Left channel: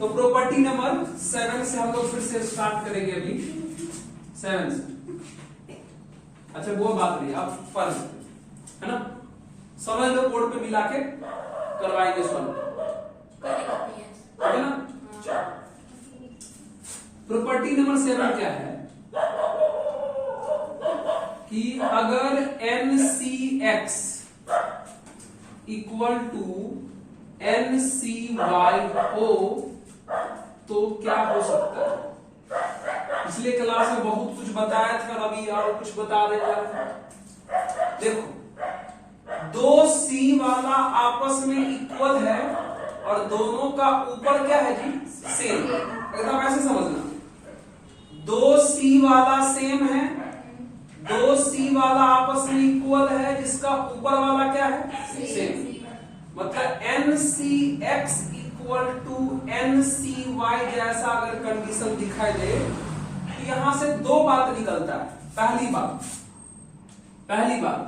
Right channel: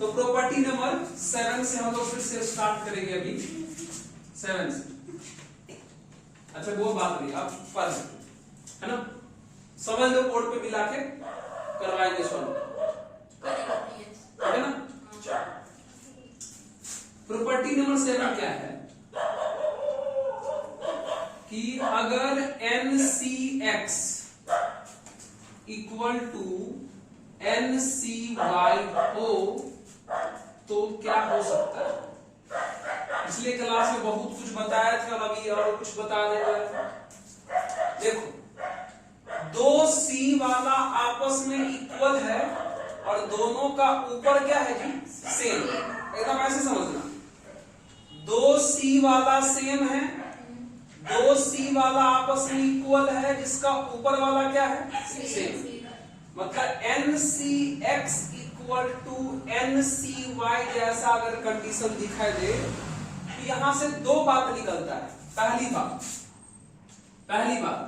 तो property number 7 से हम लोग फिर से स्टार्ट करेंगे अभी 7 से। अच्छा वो बात नहीं, अब पर है ना, समझ लो, बोर्ड पे मिला के करवाएंगे सॉल्व, है ना। प्रॉपर्टी नंबर 7 क्या है कि अगर NCX इक्वल टू NCY हो तो क्या हो सकता है। पिछले क्लास में बहुत कुछ बताया था, अभी और कुछ बता देगा। देखो, दो C वाला आपस में इक्वल है और दोनों का ऊपर क्या है जी, सेम। एकदम ऐसे समझना, दो C वाला सेम है, दो C वाला आपस में इक्वल है, जिसका ऊपर वाला क्या है, सेम। मतलब NCX इक्वल टू NCY जैसा अगर कंडीशन दिखाई दे तो यहां से दो बात निकलता है। पहली बात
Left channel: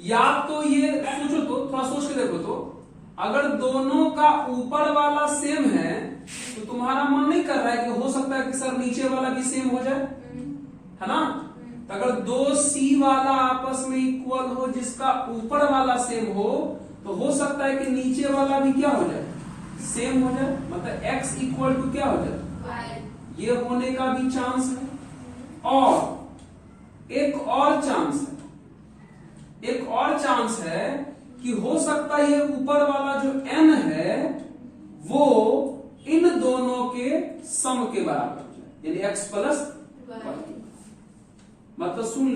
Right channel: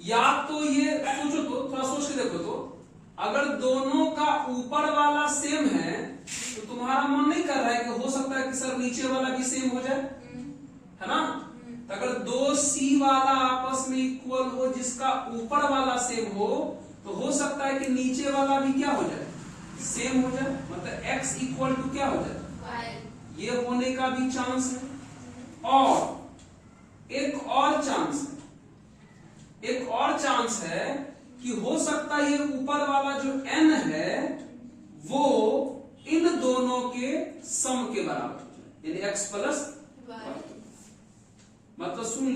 या तो ये सोचो, तो थोड़ा सोच के देखो, तो अगर दोनों का ऊपर वाला सेम है तो तुम्हारा मन नहीं कर रहा है कि हो सकता है कि सर नीचे वाला भी सेम हो जाए, है ना। तो अगर दो C वाला आपस में इक्वल हो, जिसका ऊपर वाला सेम हो, तो हो सकता है कि नीचे वाला भी क्या हो जाए, सेम हो जाए। मतलब x इक्वल टू क्या हो जाए, ये होने का भी चांस है। और एक और चांस है कि हो सकता है ये ऊपर वाला जो n है वो इन दोनों के सम के बराबर हो जाए, यानी x प्लस y। मतलब सुन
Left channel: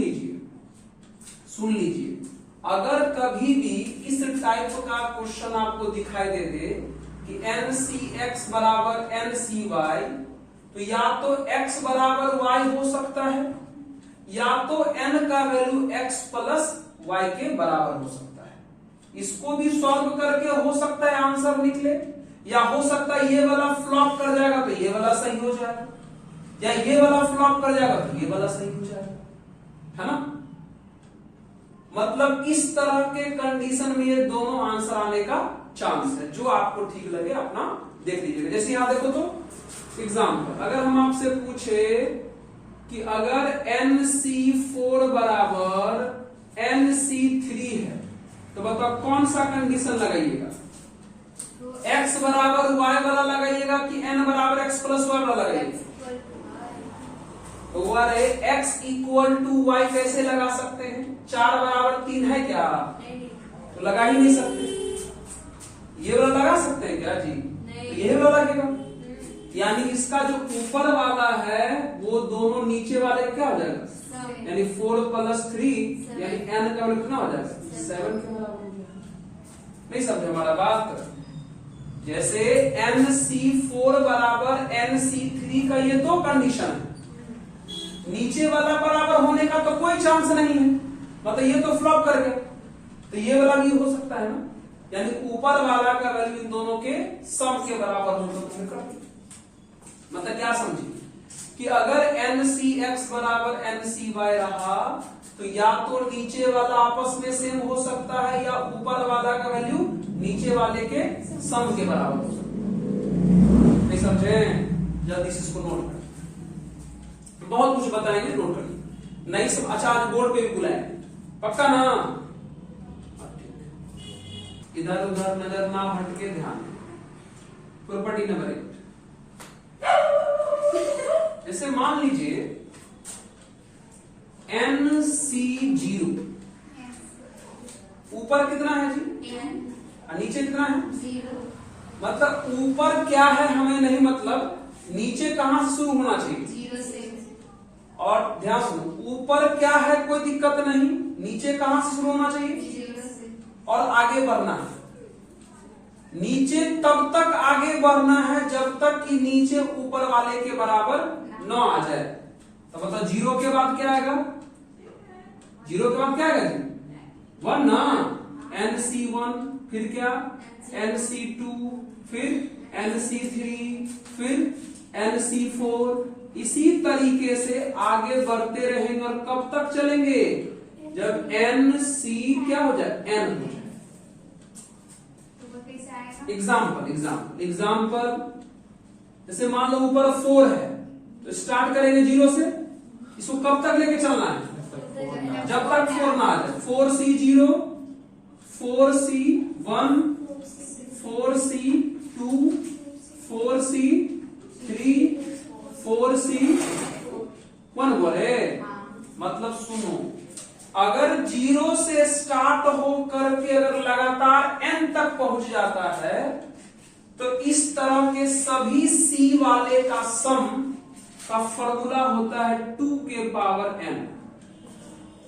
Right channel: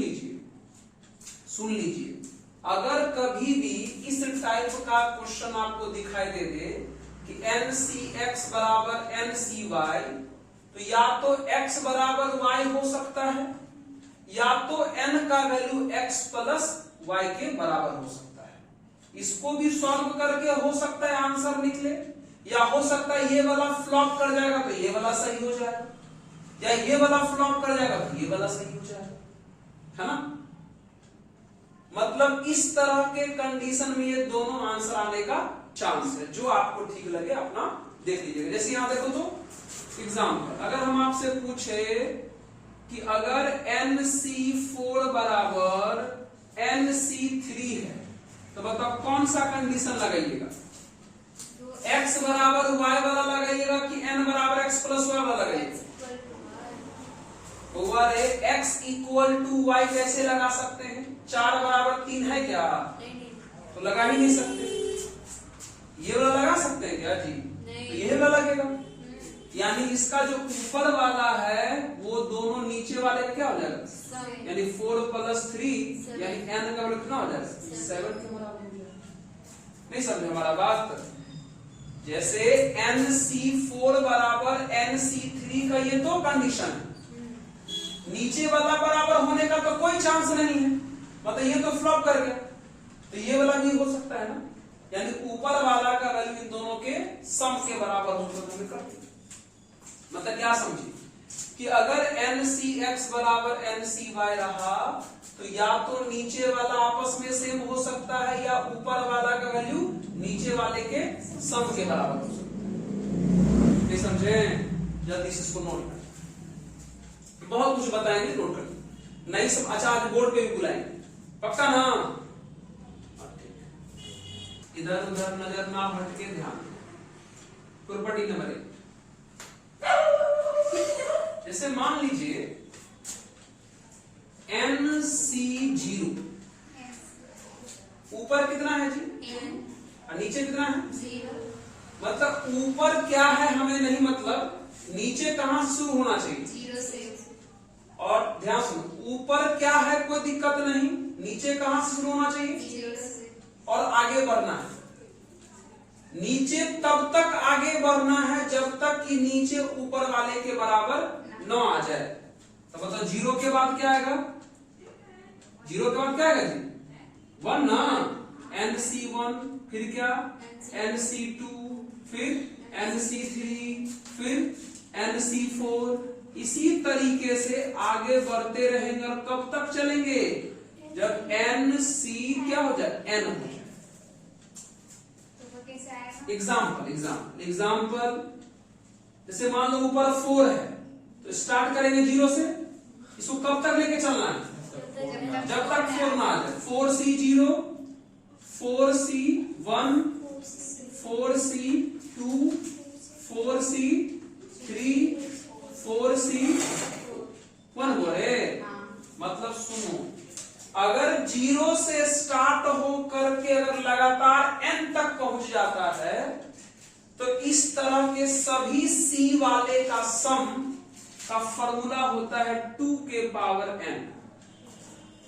लीजिए, अगर कभी भी इस टाइप का क्वेश्चन आपको दिखाई दे कि NCX बराबर NCY, तो या तो x बराबर y हो सकता है, या तो n का वैल्यू x प्लस y के बराबर हो सकता है। इसको भी सॉल्व करके हो सकता है आंसर निकले, या हो सकता है ये वाला फ्लॉप कर जाएगा तो ये वाला सही हो जाएगा, या ये वाला फ्लॉप कर जाएगा तो ये वाला सही हो जाएगा, है ना। मतलब इस तरह के कंडीशन में ये दोनों आंसर आने का चांस है। जो आपको ठीक लगे अपना देख लीजिएगा। जैसे यहां देखो, तो एग्जाम्पल, अगर हम आपसे पूछे कि अगर NC4 बराबर NC3 है तो बताओ कौन सा कंडीशन लगाइएगा, x बराबर y वाला लगाइएगा कि n बराबर x प्लस y वाला लगाइएगा। तो x इक्वल टू y कैसे लगा सकते हैं, 4 बराबर 3 है क्या, तो लगा ही नहीं सकते। ये वाला लगा सकते हैं क्या जी, तो यही वाला लगेगा। यानी इसका जो ऊपर वाला है वो दोनों नीचे वाले क्या हो जाएगा, यानी 4 प्लस 3 यानी n का वैल्यू कितना हो जाएगा, 7 के बराबर हो जाएगा। नहीं समझे हमारा बात। जैसे NC4 बराबर NC3 का ये दो कंडीशन है, नीचे वाला बराबर होने का तो कोई चांस नहीं है, मतलब ये तो फ्लॉप कर गया, तो ये वाला भी हो सकता है ना। यानी ऊपर वाला का वैल्यू इन दोनों के सम के बराबर हो तो मतलब क्या समझिए कि अगर NCX बराबर NCY रहा तो या तो नीचे वाला आपस में सेम हो सकता है, या ऊपर वाला का वैल्यू नीचे वाले के सम के बराबर हो सकता है। नहीं समझे, जल्दी से इसको नोट करें, बहुत कुछ बताएंगे, नोट करें। नहीं सब अच्छा, आज बोर्ड पे भी बुलाएंगे, पक्का ना। इधर उधर नजर ना भटके, ध्यान। प्रॉपर्टी नंबर 1, जैसे मान लीजिए NC0 ऊपर कितना है जी, और नीचे कितना है, 0। मतलब ऊपर क्या है हमें नहीं, मतलब नीचे कहां से शुरू होना चाहिए, 0 से। और ध्यान सुनो, ऊपर क्या है कोई दिक्कत नहीं, नीचे कहां से शुरू होना चाहिए, 0 से। और आगे बढ़ना है, नीचे तब तक आगे बढ़ना है जब तक कि नीचे ऊपर वाले के बराबर न आ जाए। तो मतलब 0 के बाद क्या आएगा, 0 के बाद क्या आएगा जी, 1 ना, NC1, फिर क्या NC2, फिर NC3, फिर NC4, इसी तरीके से आगे बढ़ते रहेंगे। और कब तक चलेंगे, जब NC क्या हो जाए, N हो जाए। एग्जाम्पल जैसे मान लो ऊपर 4 है तो स्टार्ट करेंगे 0 से, इसको कब तक लेके चलना है? जब तक 4 ना आ जाए। 4C0, 4C1, 4C2, 4C3, 4C1 बोले। मतलब सुनो, अगर 0 से स्टार्ट हो करके अगर लगातार n तक पहुंच जाता है तो इस तरह के सभी C वाले का सम का फॉर्मूला होता है 2 के पावर n।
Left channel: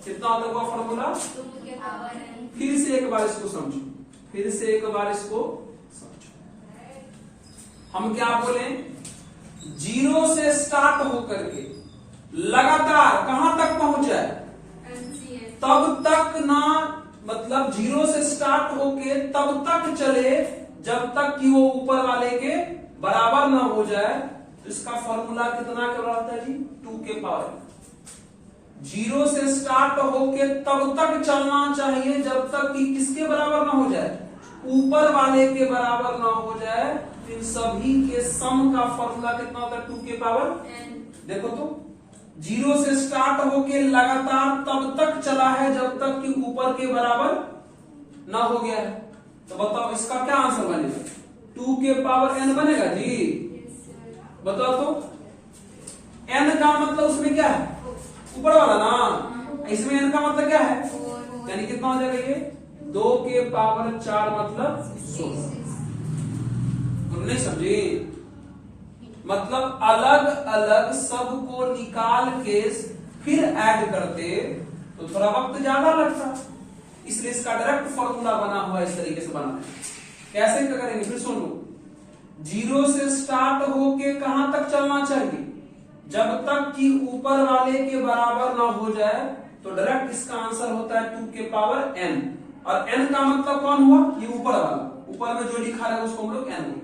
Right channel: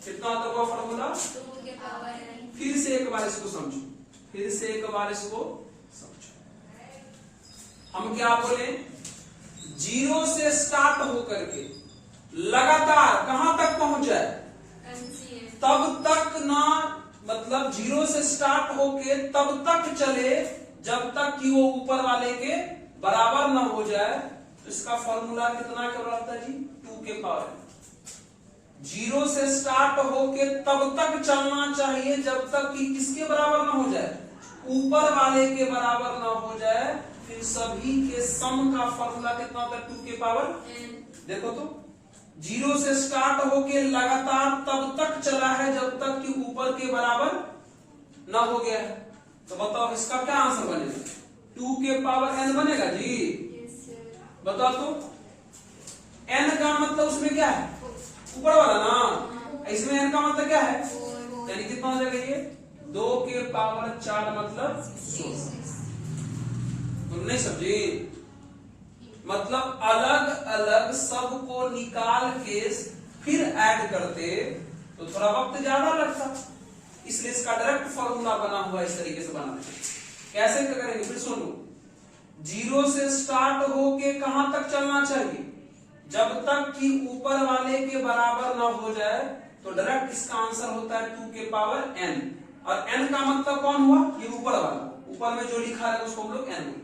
कितना होता हुआ फॉर्मूला? 2 के पावर n। फिर से एक बार इसको समझो, फिर से एक बार इसको समझो। हम क्या बोले? 0 से स्टार्ट होकर के लगातार कहां तक पहुंच जाए? तब तक ना, मतलब 0 से स्टार्ट होके तब तक चले जब तक कि वो ऊपर वाले के बराबर ना हो जाए। तो इसका फॉर्मूला कितना के बराबर है जी? 2 के पावर n। 0 से स्टार्ट होके तब तक चलना चाहिए जब तक कि किसके बराबर ना हो जाए? ऊपर वाले के बराबर ना हो जाए। इन सभी के सम का फॉर्मूला कितना होता है? 2 के पावर n। देखो तो 0 से स्टार्ट होके लगातार तब तक चला है जब तक कि ऊपर के बराबर ना हो गया है। तो बताओ इसका क्या आंसर बनेगा? 2 के पावर n बनेगा जी। बताओ तो n का मतलब उसमें क्या है? ऊपर वाला ना। इसमें n का मतलब क्या है? यानी कितना हो जाएगा ये? 2 के पावर 4 मतलब 16। हम नहीं समझे? मतलब अलग अलग सबको निकाल के फिर ऐड करते तो थोड़ा वक्त ज्यादा लगता, इसलिए इसका डायरेक्ट फॉर्मूला बना हुआ इस तरीके से बना है। कैसे करेंगे? फिर सुनो, 0 से स्टार्ट होके कहां तक चलना चाहिए? जब तक कि ऊपर वाले के बराबर ना हो जाए। तो डायरेक्ट इसका आंसर होता है 2 के पावर n। और n का मतलब कौन हुआ? ये ऊपर वाला, ऊपर में जो लिखा है उसको हम लोग n बोलेंगे।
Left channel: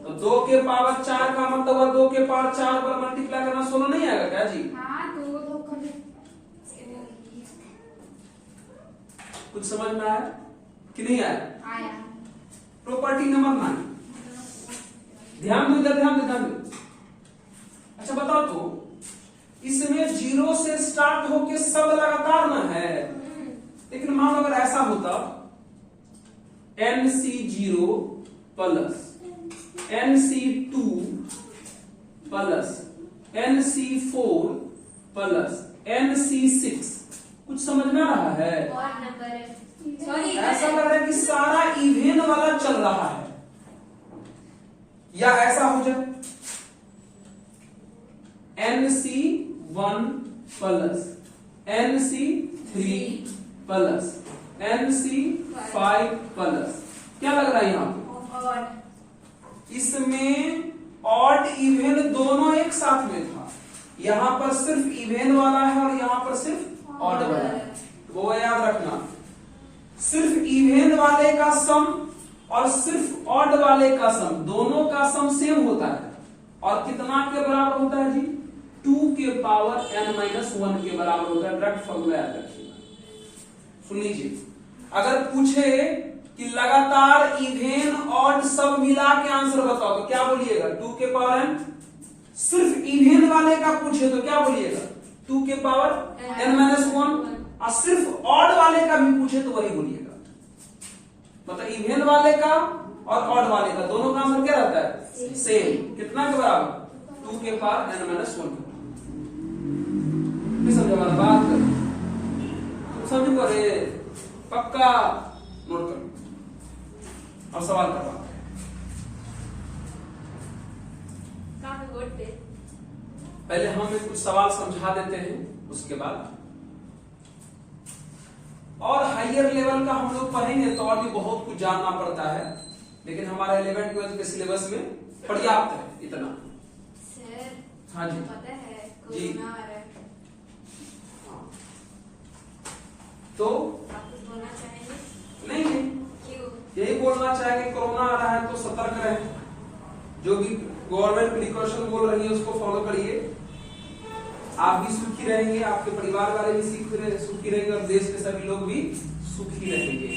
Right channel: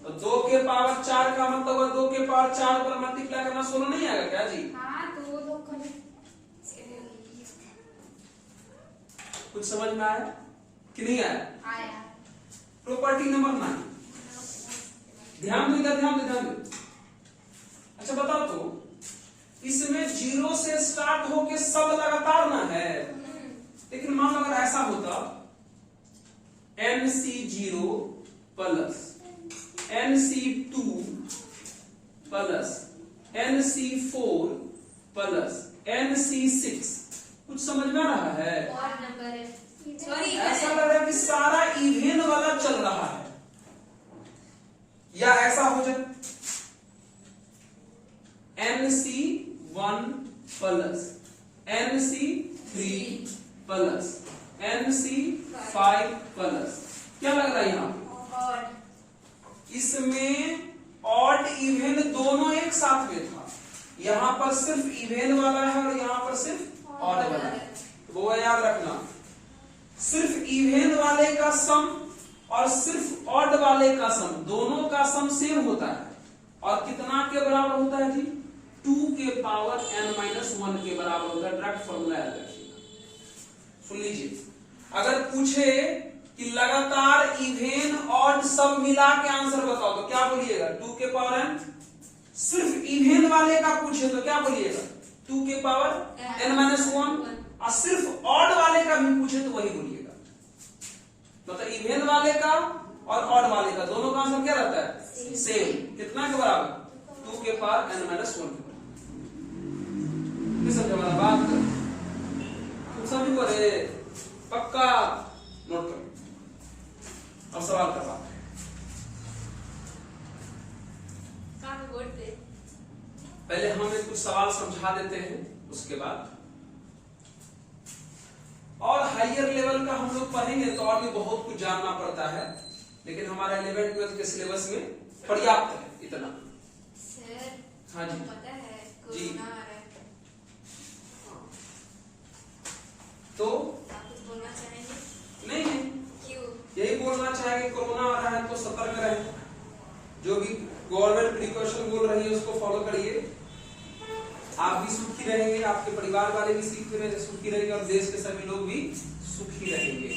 तो 2 के पावर 4 का मतलब हुआ 2 के पावर 4 पर मल्टीप्लाई करना 16 नहीं आएगा क्या जी? कुछ समझ में आया कि नहीं आया? प्रॉपर्टी नंबर 9, ध्यान दो, ध्यान दो, ध्यान दो। अच्छा बताओ तो इसमें 0 से स्टार्ट होके सब लगातार ना है, लेकिन मान लो अगर ऐसा होता NC0 plus NC2 plus NC4 plus NC6, कुछ समझ में आ रहा है? ऐसा लग रहा है कि सारा इवेन वाला चल रहा है। या ऐसा हो जाए NC1 plus NC3 plus NC5 plus, क्या लग रहा है यहां पे? इसमें ऑड इवेन दोनों एक साथ में था। यहां पर सिर्फ इवेन वाला है और यहां पर सिर्फ ऑड वाला है। वो याद रखना, सिर्फ इवेन वाले का सम और सिर्फ ऑड वाले का सम, दोनों का सम सेम होता है। और कितना के बराबर होता है जी? 2 के पावर n-1 के बराबर होता है। डायरेक्ट फॉर्मूला याद रखिएगा। सुन लीजिए, अगर पूछे कि लगातार इवेन ऑड सब मिला के आंसर बताओ तो क्या बोलिएगा? 2 के पावर n। सिर्फ इवेन वाले का पूछे तो क्या बोलिएगा? 2 के पावर n-1। और सिर्फ ऑड वाले का भी पूछे तो वही बोलिएगा। मतलब इवेन वाले का और ऑड वाले का दोनों का आंसर क्या रहता है? सेम। कितना के बराबर? 2 के पावर n-1। समझे वाला बात कर? तुम समझ बोले पक्का नोट करो। अब सवाल कर रहा हूं, पहले हम कुछ सवाल समझा देते हैं, उसके बाद और हायर लेवल का हम लोग पढ़ेंगे तो और भी बहुत कुछ जानना पड़ता है, लेकिन हमारा 11th ट्वेल्थ के सिलेबस में पर्याप्त है इतना। हाँ जी जी। तो नहीं, यही बोलना चाहेंगे कोरोना आ रहा है तो सतर्क रहें। जो भी गवर्नमेंट प्रिकॉशन बोल रही है उसको फॉलो करिए। आप भी सुखी रहेंगे, आपके परिवार वाले भी सुखी रहेंगे और देश के सभी लोग भी सुखी रहेंगे।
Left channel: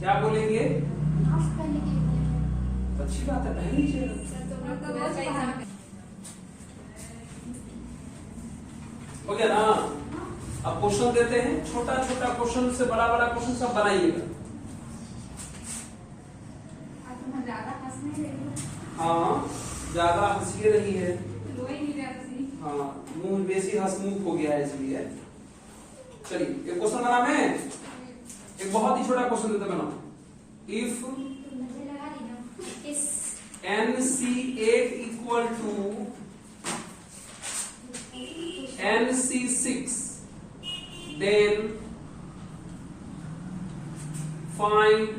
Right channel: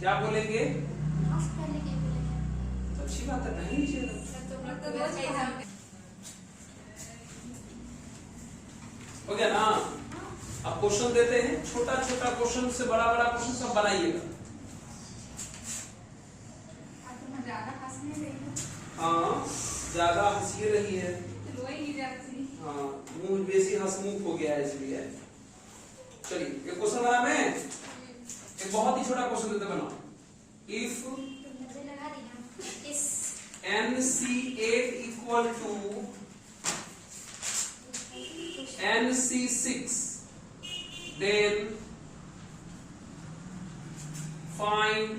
क्या बोलेंगे? अच्छी बात है, पहले लीजिएगा। हो गया ना। अब क्वेश्चन देते हैं, छोटा छोटा क्वेश्चन से बड़ा बड़ा क्वेश्चन सब बनाइएगा। हाँ, ज्यादा हंसी रही है। हाँ, मुंह बेसी हंसमुख हो गया है इसलिए। चलिए एक क्वेश्चन बना मैं, एक बहुत ही छोटा क्वेश्चन देते बनाओ। If NC8 equal to NC6, then find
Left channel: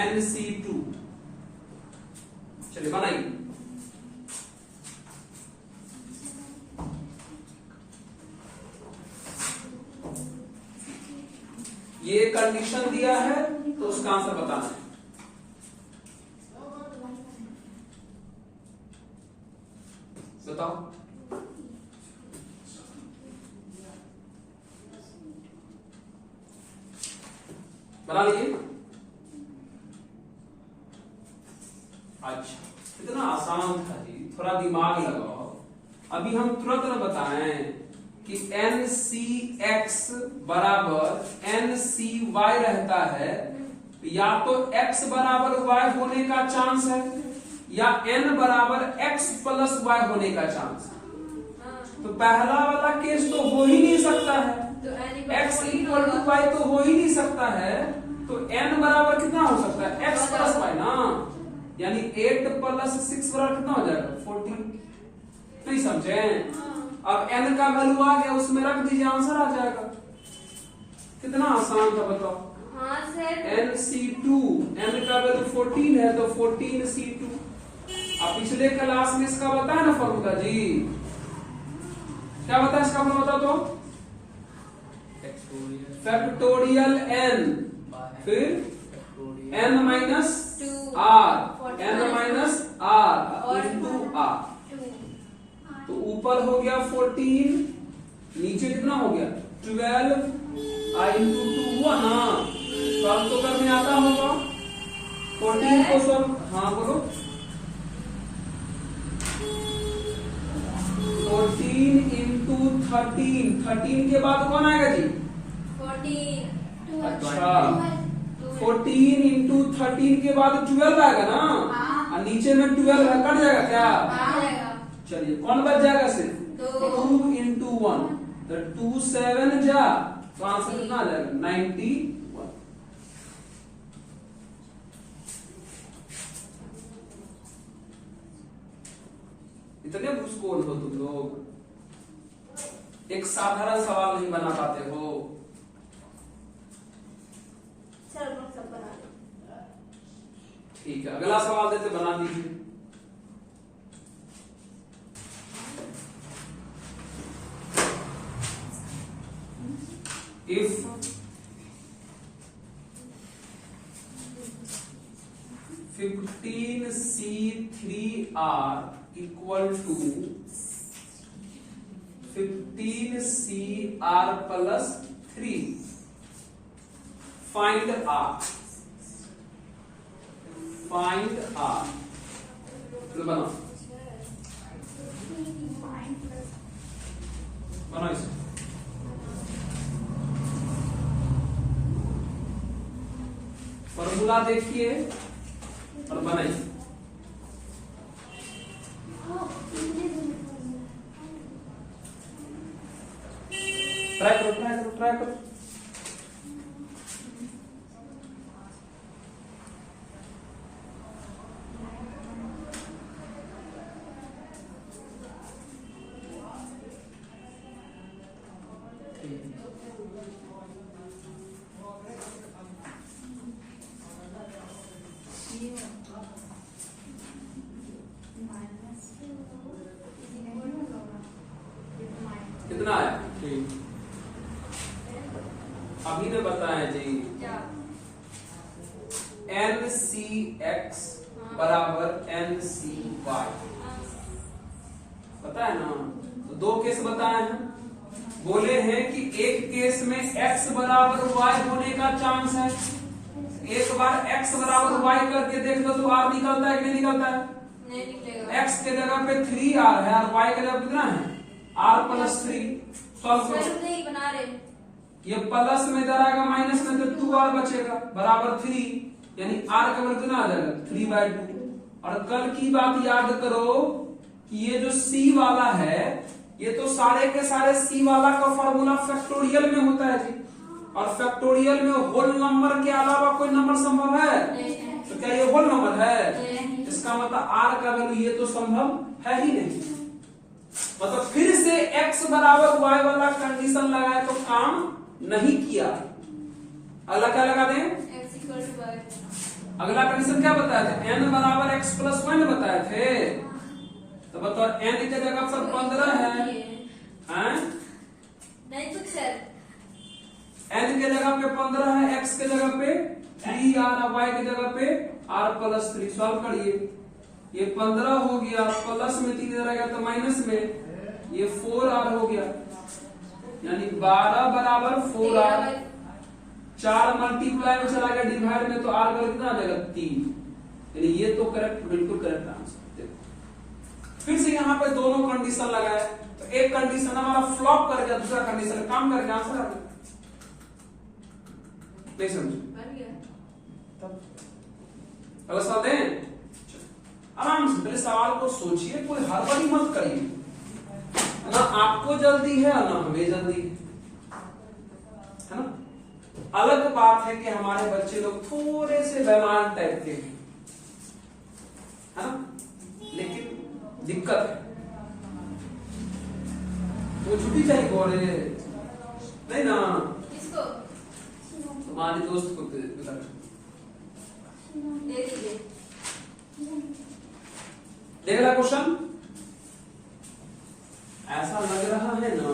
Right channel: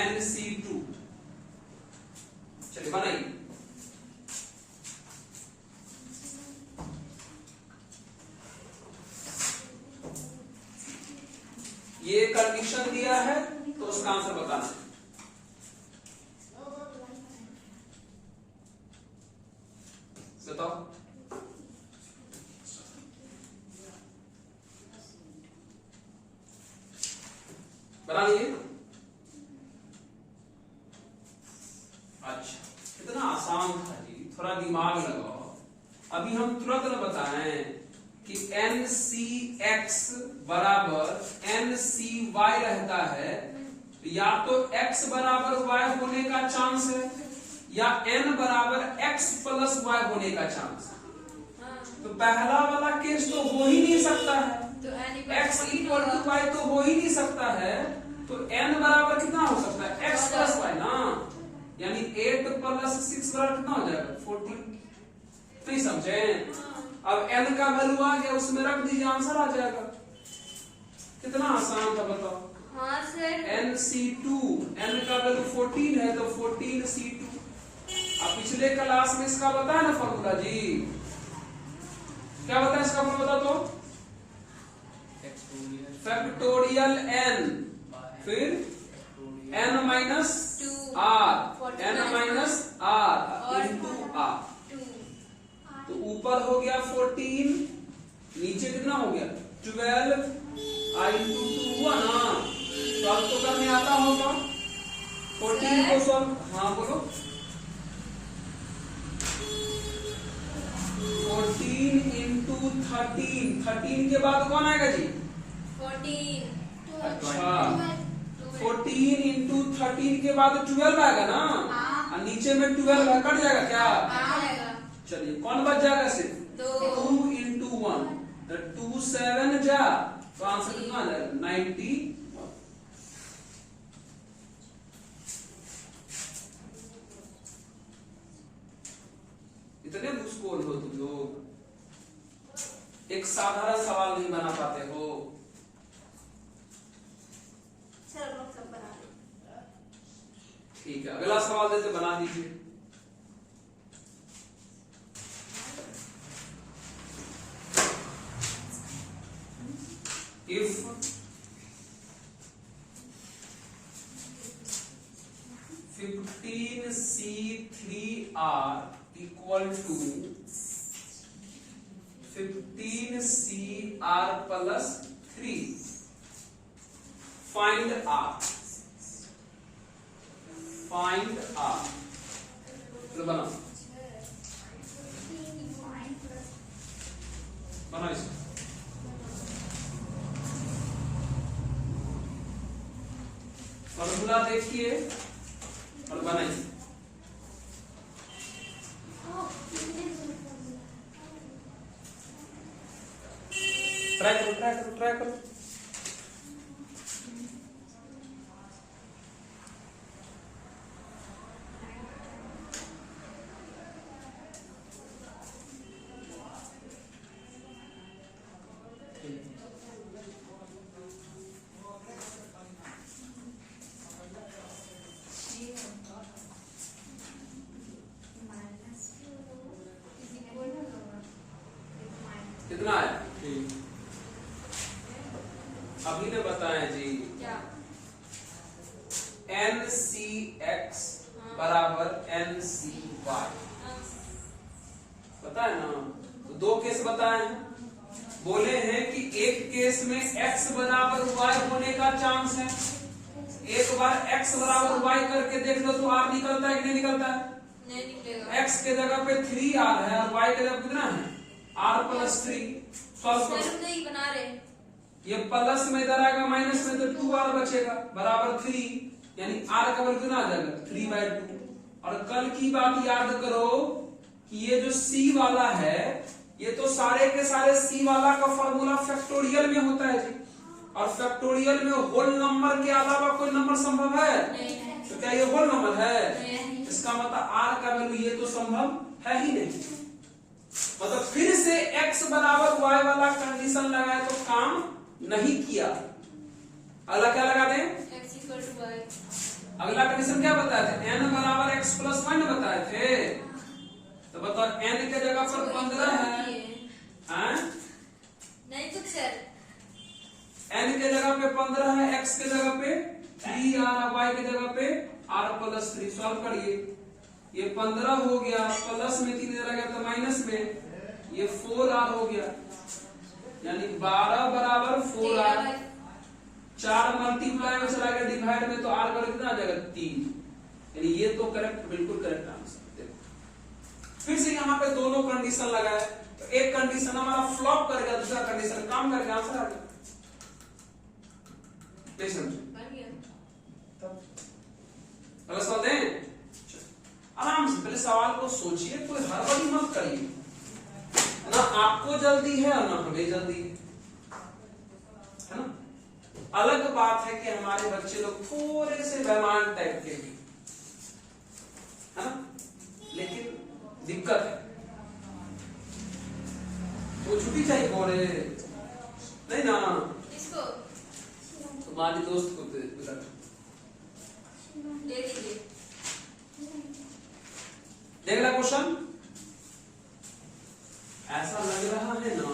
NC2। चलिए बनाइए। ये कंडीशन दिया है तो उसका आंसर बताना है। बताओ। बना लिए? अच्छा, इतना आसान था जी, थोड़ा दिमाग लगाओ। अभी हम तुरंत न बताएं कि NCX बराबर NCY रहता है, या तो X बराबर Y होने का चांस है या N बराबर X प्लस Y होने का चांस है। तो पहला वाला केस तो हो ही नहीं सकता है, X इक्वल टू Y तो हो ही नहीं सकता है। तो N बराबर कितना हो सकता है? X प्लस Y ना, यानी 8 प्लस 6 बराबर कितना हो जाएगा? 14। नहीं समझे? अब N का वैल्यू आ गया, उसमें रख दीजिए, आंसर आ जाएगा। कितना आसान था बताओ। हाँ सर। NC2, N का वैल्यू 14 है तो 14C2। अब पिछले क्लास में इसका बताया ना फॉर्मूला जी, क्या बताया इसका फॉर्मूला? तो फैक्टोरियल N, फिर N minus R, N minus R into R। तो ऊपर हो गया 14, नीचे कितना हो गया? 12 I इंटू 2 हुआ ना। सॉल्व तो करने आता होगा। 14 को सॉल्व, हाँ बोलो। 14 इंटू 13 के बाद कौन आएगा जी? 14। अच्छा, 14 इंटू 13 के बाद 12 आएगा ना। और नीचे में 12 है, कट जाएगा क्या? चलिए कौन बच जाएगा? सिर्फ 2 इंटू 1, तो 2 7 जा, तो आंसर कितना आ जाएगा? 91। इतने घुसखोर हो तुम लोग, एक साधारण सवाल नहीं बना पाते हो। ठीक है, अगला सवाल देते, बना दीजिए। If 15C3R equal to 15CR plus 3, find R। Find R। चलो बनाओ, बनाओ इसको। फॉर्मूला देखिए और बनाइए। ट्राई करो, ट्राई करो, ट्राई करो। कितना है? अभी ने बताया जी, NCX बराबर NCY बताया ना। तो दो केस बताए हैं, बोले हैं कि एक केस इसमें x बराबर y होने का चांस है। एक बार x बराबर y करके देख लो तो r निकलता है कि नहीं निकलता है? नहीं निकलेगा। x के जगह पे 3r है और y के जगह कितना है? r plus 3। तो अब सर नहीं बना रहे। ये प्लस में इधर आएगा माइनस में तो 2r बचेगा बराबर 3, यानी r का वैल्यू कितना आ जाएगा? 3/2। और कल की बात याद करो कि ये जो c वाला है ये तो सारे के सारे c वाला का फॉर्मूला फैक्टोरियल में होता है जी, और फैक्टोरियल में होल नंबर के अलावा कोई नंबर संभव है? तो क्या ये होल नंबर है? इसका मतलब r का वैल्यू ये तो संभव है ही नहीं। मतलब फिर से x बराबर y वाला कंडीशन लगाए तो काम नहीं किया। अगला क्या लगा दें? x equal to y। अगला कंडीशन क्या बताए थे? n बराबर x प्लस 1 बताए थे। तो बताओ n के जगह पर 15 है, हैं? नहीं कुछ सर। n के जगह पे 15 है, x के जगह पे 3r, y के जगह पे r प्लस 3। सॉल्व करिए। ये 15 हो गया, प्लस में 3 इधर आ गया तो माइनस में, ये 4r हो गया, यानी 12 बराबर 4r। 4 मल्टीप्लाई में चला गया डिवाइड में तो r वैल्यू कितना आ जाएगा? 3। यानी ये तो करेक्ट, बिल्कुल करेक्ट आंसर। फिर से यहाँ पे दोनों कंडीशन लगाए तो एक कंडीशन हमारा फ्लॉप करेगा, दूसरा कंडीशन काम करके आंसर आ गया। नहीं समझ अगर सवाल दें आराम से पहले सवाल को सोचिए, कोई हड़बड़ी मत करिए। ना आपको जल्दी है ना हमें जल्दी है ना। अलग बात है कि हमारे बच्चे लोग थोड़े से बेईमान टाइप के है ना, लेकिन दिक्कत है वो छुट्टी चाहिए बोले नहीं ना। इसको तुम्हारे दोस्त को बता दे दीजिए। देख रहा क्वेश्चन ऐसा लग रहा है ना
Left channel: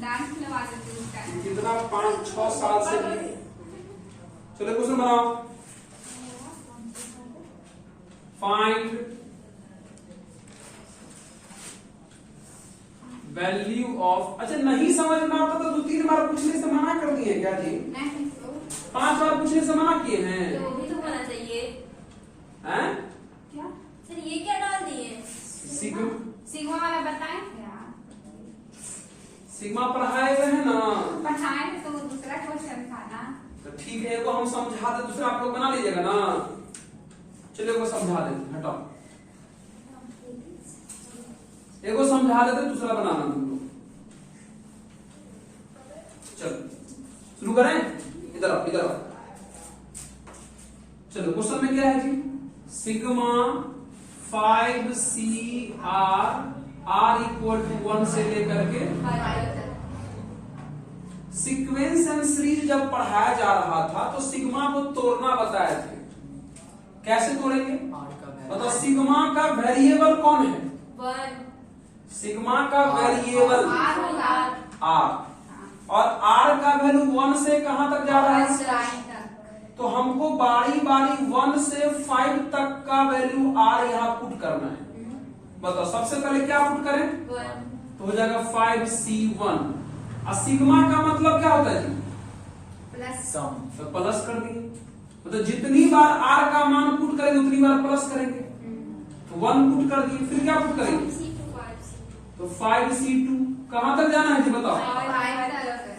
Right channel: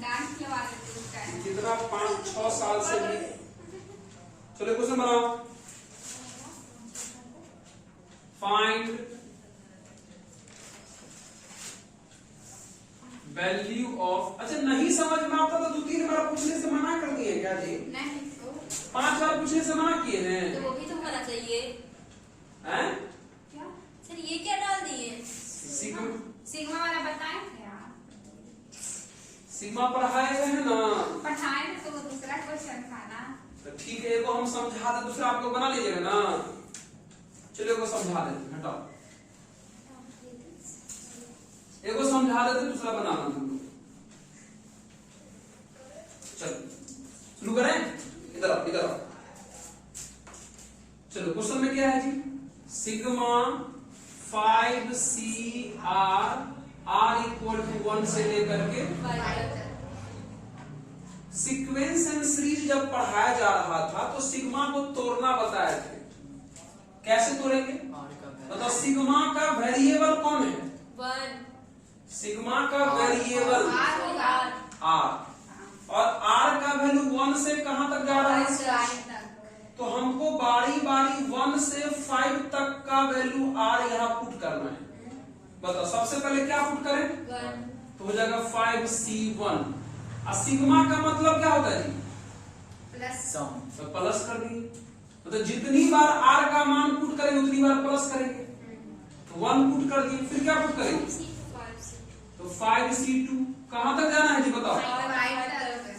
डांस लगा देते हैं। कितना 5-6 साल से भी। चलो क्वेश्चन बनाओ। Find value of. अच्छा नहीं समझ में आता तो 2-3 बार पूछने से मना कर दिए क्या जी? नहीं 5 बार पूछने से मना किए हैं तो वो भी तो करना चाहिए। हैं? क्या सर ये क्या डाल दिए? सिग्मा वाला बताएं क्या? सिग्मा पढ़ाए गए हैं ना, पढ़ाए थे तो वो दूसरा क्वेश्चन था ना। तो ठीक है एगो हम समझा दे, दूसरा आप लोग बना लीजिएगा ना। चलो एगो समझा देते, हटाओ एगो समझा देते दूसरा बनाना तुम लोग। चलो शुरू करें। इधर आओ इधर आओ। चलो क्वेश्चन में क्या है जी? Sigma 5CR r equal to 1 से लेकर के सीक्वेंस एंड सीरीज जब पढ़ाया जा रहा था तो सिग्मा को तोड़ना बताए थे। कैसे तोड़ेंगे? मतलब सिग्मा का वेरिएबल कौन है? 1 सिग्मा का वेरिएबल R होगा। r, और r का वैल्यू 1 से कहां तक जा रहा है? तो हमको बारी बारी 1 से 5 तक का वैल्यू r यहाँ पुट करना है। बताओ सबसे पहले क्या पुट करें? 1 तो हो जाएगा 5C1। और सिग्मा का मतलब क्या होता है जी? प्लस तो प्लस कर दिए। तो जितनी बार r का मान पुट करेंगे उतनी बार प्लस करेंगे। तो 1 पुट कर दिए, फिर क्या पुट करेंगे? तो 5C2 कहां तक जाना है जी बताओ?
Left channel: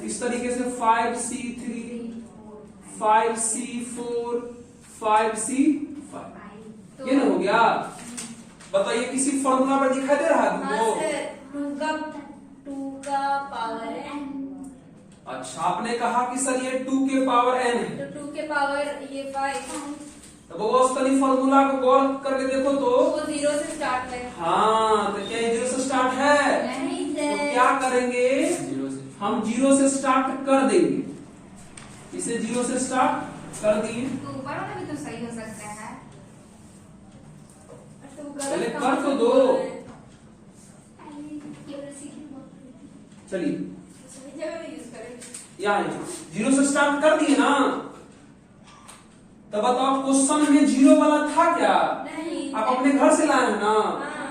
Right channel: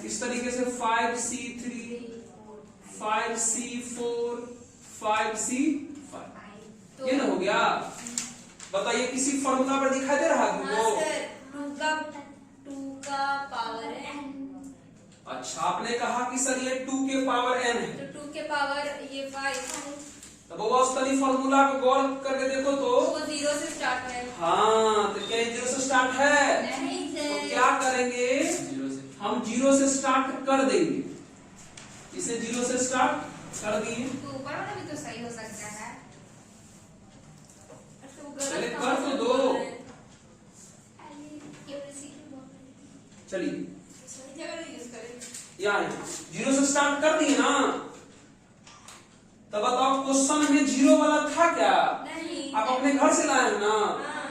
इस तरीके से 5C3, 5C4, 5C5 ये ना हो गया। बताइए किसी फॉर्मूला पर दिखाई दे रहा है तुमको? 2 का पावर n। अच्छा आपने कहा कि सर ये 2 के पावर n है, तो 2 के पावर ये 5 तो वो तनी फॉर्मूला को गौर करके देखो तो वो 0 से स्टार्ट है। हाँ तो क्या ये 0 से स्टार्ट है? नहीं तो सर। क्या करेंगे? हम 0 से स्टार्ट कर देंगे, इसे 0 से स्टार्ट कर दिए। तो ऊपर वाला भी तो सही हो सकता है। पहले कर तो दो। चलिए यहाँ 0 से स्टार्ट कर दिए ना, तब बताओ क्वेश्चन में 0 वाला था क्या? नहीं आप अपने घर से लाए हैं ना,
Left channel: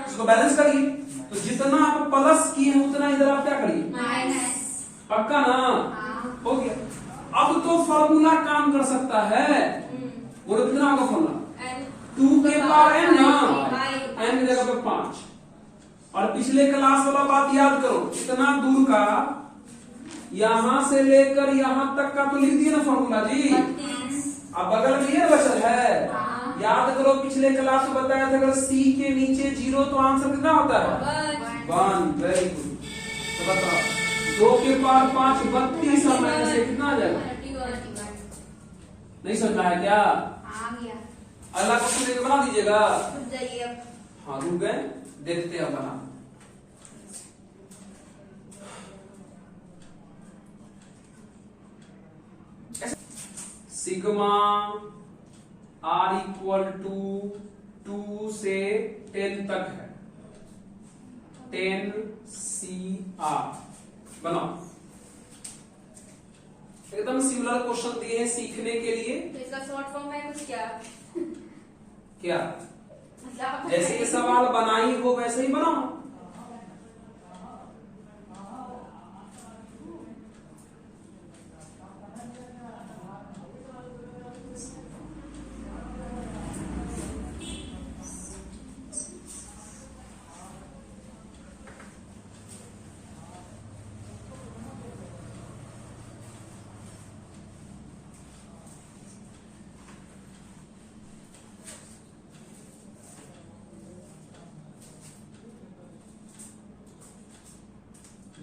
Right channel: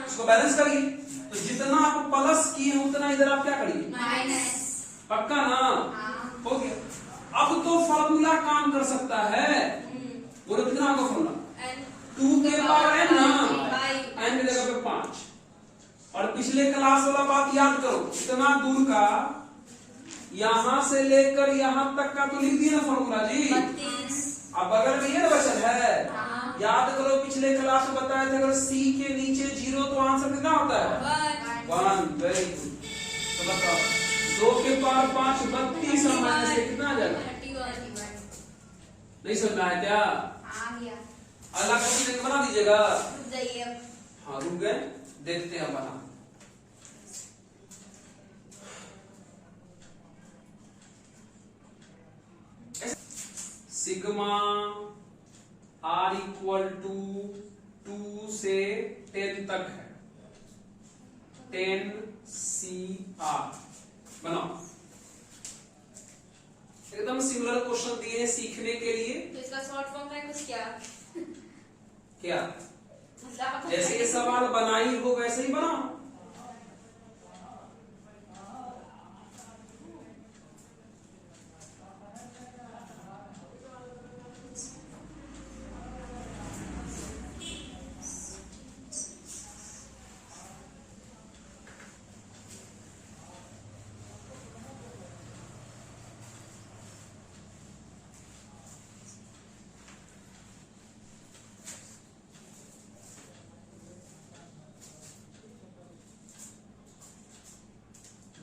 इसको बैलेंस करिए। तो जितना आप प्लस किए हैं उतना इधर आप क्या करिए? माइनस। पक्का ना? हाँ। हो गया। अब तो फॉर्मूला काम कर सकता है। बोलो कितना होगा फॉर्मूला? 2 के पावर n ना, n की जगह पे 5। और पिछले क्लास वाला बात याद करो, इतना दूर का यहां से लेकर यहां तक का तो लिख दिए ना फॉर्मूला जी। अब बगल में ये बचल है, हाँ। याद करो पिछले क्लास में बताया था अगर c के नीचे 0 तो आंसर कितना होता है? 1। Very good. तो बताओ 2 के पावर 5 32 और माइनस से कितना आ जाएगा? नहीं समझना है क्या? आ गया। अगला क्वेश्चन बना दीजिएगा। जाइए हाँ रुक गए, देखते हैं बना। सिग्मा r इक्वल टू 2 से 10 तक है। 10 CR बनाओ। एकदम सिमिलर क्वेश्चन दिए हैं सीखने के लिए। तो इसका शॉर्ट फॉर्म है कुछ क्या? क्या जैसे ये सवाल बनाई हो वैसे ही बनाओ।